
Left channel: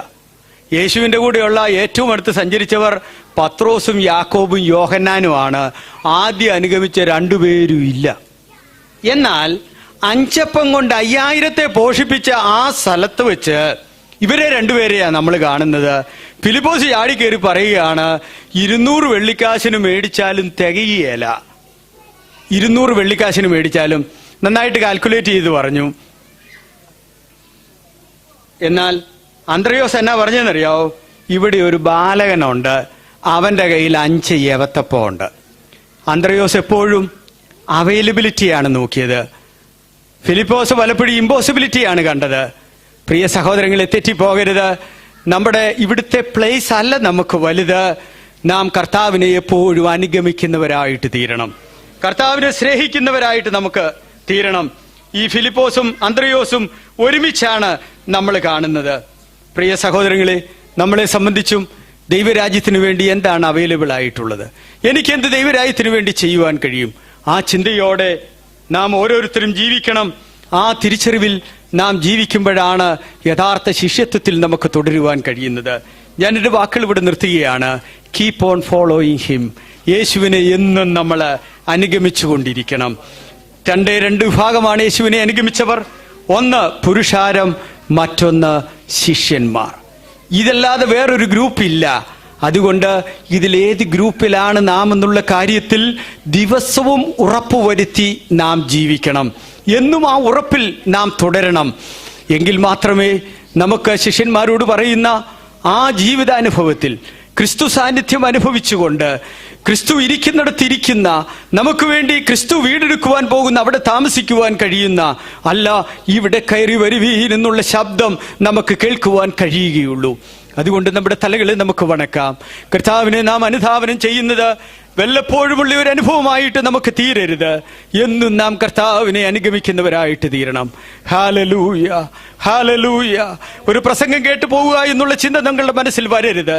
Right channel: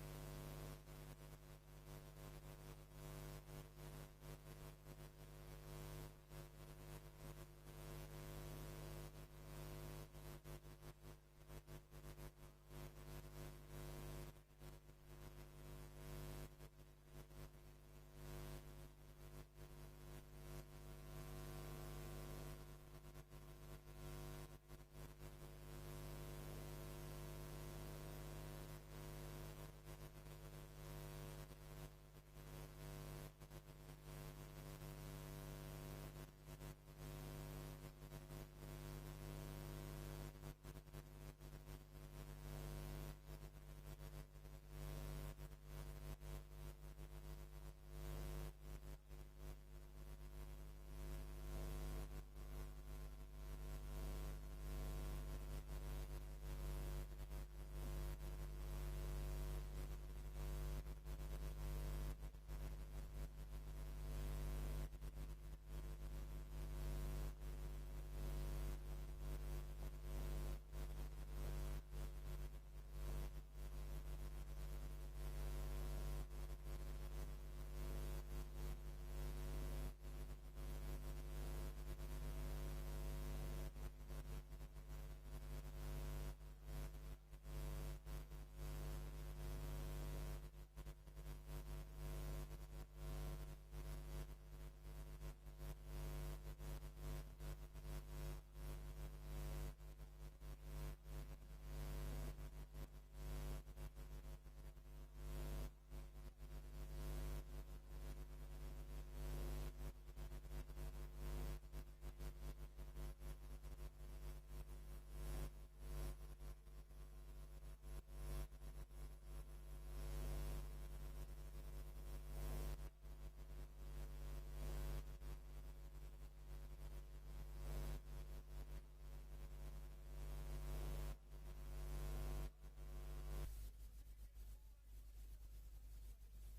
യേശുവിൻ്റെ കൂടെയുള്ള ഏറ്റവും അടുത്ത് സഞ്ചരിച്ചവർ പത്രോസും യാക്കോബും യോഹന്നാനുമാണ്. ആദ്യം അനുഗമിച്ച രണ്ടുപേരും ഇല്ല. എന്നാൽ 5 അപ്പം കൊണ്ട് 5000 പോഷിപ്പിച്ച ആ സ്ഥലത്ത് വെച്ച് ഇവരെ രണ്ടുപേരെയാണ് നമ്മൾ കാണുന്നത്. ഫിലിപ്പോസ് ചാടിക്കേറി പറയുകയാണ്, 200 വെള്ളിക്കാശിന് മേടിച്ചാലും തികയുകയില്ല. 200 വെള്ളിക്കാശിന് മേടിച്ചാലും. നന്നായിട്ട് കാൽക്കുലേറ്റ് ചെയ്ത് പറഞ്ഞു. എന്നാൽ അന്ത്രയോസ് എന്നാ പറഞ്ഞെന്നറിയാവോ? ഇവിടെ ഒരു ബാലകനുണ്ട്, അവന്റെ കയ്യിൽ 5 യവത്തപ്പം ഉണ്ട്. അന്ത്രയോസ് എപ്പോഴും അവൈലബിലിറ്റിയാണ് നോക്കിയത്. ഫിലിപ്പോസ് പലപ്പോഴും ഇമ്പോസിബിലിറ്റിയാണ് കണ്ടത്. പ്രിയ സഹോദരങ്ങളെ, തെറ്റിപ്പോകരുത്. നമ്മുടെ ഇവിടുത്തെ പ്ലേസ് അല്ല നമുക്ക് വലുത്. നാം കർത്താവിനെ എപ്പോഴും അനുഗമിക്കുന്നവരായിട്ട് തീരണം. കർത്താവിനെ സ്നേഹിക്കുന്നവരായിട്ട് നമുക്ക് തീരണം. ഈ ഫിലിപ്പോസും അന്ത്രയോസും ഒരുമിച്ചാണ് നമ്മൾ കാണുന്നത്. പ്രിയ സഹോദരങ്ങളെ, നമ്മളെ സംബന്ധിച്ചും ദൈവരാജ്യത്തിന് വേണ്ടി എന്താണ് അവൈലബിൾ ആയിട്ടുള്ളത്? എനിക്കെന്ത് ദൈവരാജ്യത്തിന് വേണ്ടി ചെയ്യുവാൻ കഴിയും? ആ ചിന്തയോടെ നാം ഓരോരുത്തരും ജീവിക്കണം. ആ തിരിച്ചറിവിൽ നാം ജീവിക്കുമ്പോഴാണ് യഥാർത്ഥ ശിഷ്യത്വത്തിൽ നമുക്ക് തുടരുവാൻ കഴിയുന്നത്. ഞാൻ എൻ്റെ വാക്കുകൾ ഇവിടെ നിർത്തുകയാണ്. Keep on following him. യേശുവിനെ എന്നും നമ്മൾ അനുഗമിച്ചു കൊണ്ടിരിക്കണം. 2 വിഭാഗമാണ് യേശുവിനെ അനുഗമിച്ചവർ. ഒന്ന് പുരുഷാരം, മറ്റൊന്ന് ശിഷ്യന്മാർ. ഇതല്ലാതെ വേറൊരു ഗ്രൂപ്പില്ല. അതുകൊണ്ട് ഇതിലേത് ഗ്രൂപ്പിലാണ് നാം എന്നുള്ള കാര്യത്തിൽ ദിവസവും ഉറപ്പുവരുത്തി നാം ജീവിക്കണം. എന്നും ആ ഉറപ്പിൽ നാം തുടരണം. എങ്കിൽ മാത്രമേ നമുക്ക് ശിഷ്യന്മാരോട് പറയുന്ന ആ ജീവിതാനുഭവത്തിൽ ക്രിസ്തു സാന്നിധ്യം അനുഭവിച്ചുകൊണ്ട് ക്രിസ്തു ഇരിക്കുന്നിടത്തിരിക്കുന്ന, നമുക്ക് വേണ്ടി ക്രിസ്തു വീടെടുക്കുവാൻ പോകുന്ന, അവിടെ താമസിക്കുവാൻ കഴിയുന്ന, അല്ല ഇവിടെ കയറി വരുവീൻ എന്നുള്ള ശബ്ദം നമുക്ക് കേൾക്കുവാൻ കഴിയുകയുള്ളൂ. അതുകൊണ്ട് നമ്മുടെ തലകളെ നമുക്ക് വണക്കാം. കർത്താവിനെ നാം അനുധാവനം ചെയ്യുന്നത് വല്ലപ്പോഴുമുള്ള ഒരു അനുഭവമായിട്ട് നമുക്ക് തീരരുത്. എന്നും നാം കർത്താവിനെ അനുഗമിക്കുന്നവരായിട്ട് തീരണം. Hallelujah, hallelujah. ഒരു പ്രസംഗം കേട്ടു പോവുക എന്നുള്ള ചിന്ത നമ്മളുടെ മനസ്സിൽ വരരുത്.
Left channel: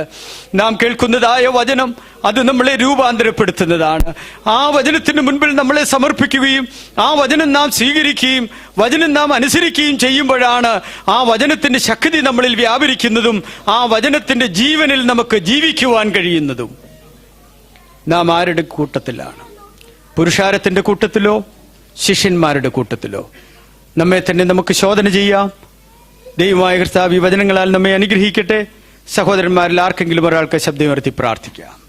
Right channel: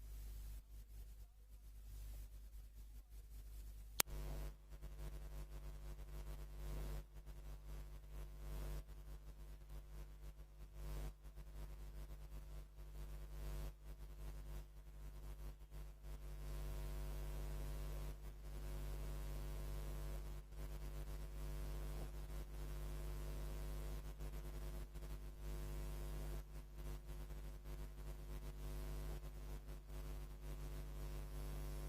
നാം കേൾക്കുന്നതായ വചനം അത് നമ്മളെ രൂപാന്തരപ്പെടുത്തുന്നതാണ്. ആ വചനത്തിന് മുൻപിൽ നമ്മളെ സമർപ്പിക്കുകയും ആ വചനം നാം സ്വീകരിക്കുകയും വചനം നാം അനുസരിക്കുകയും ചെയ്യുമ്പോഴാണ് ആ വചനത്തിന്റെ ശക്തി നമ്മളിൽ വ്യാപരിക്കുന്നതും ആ വചനത്തിന്റെ ജീവനിൽ നമുക്ക് ജീവിക്കുവാൻ കഴിയുന്നതും. നാം ആരുടെ കൂട്ടത്തിലാണ്? പുരുഷാരത്തിന്റെ കൂട്ടത്തിലോ ശിഷ്യന്മാരുടെ കൂട്ടത്തിലോ? നമ്മെ തന്നെ നമുക്ക് ശോധന ചെയ്യാം. ദൈവമായ കർത്താവ് ഈ വചനങ്ങളാൽ നമ്മെ അനുഗ്രഹിക്കട്ടെ. സഹോദരന്മാരിൽ ആർക്കെങ്കിലും ഒരാൾക്ക് ശബ്ദമുയർത്തി പ്രാർത്ഥിക്കാം.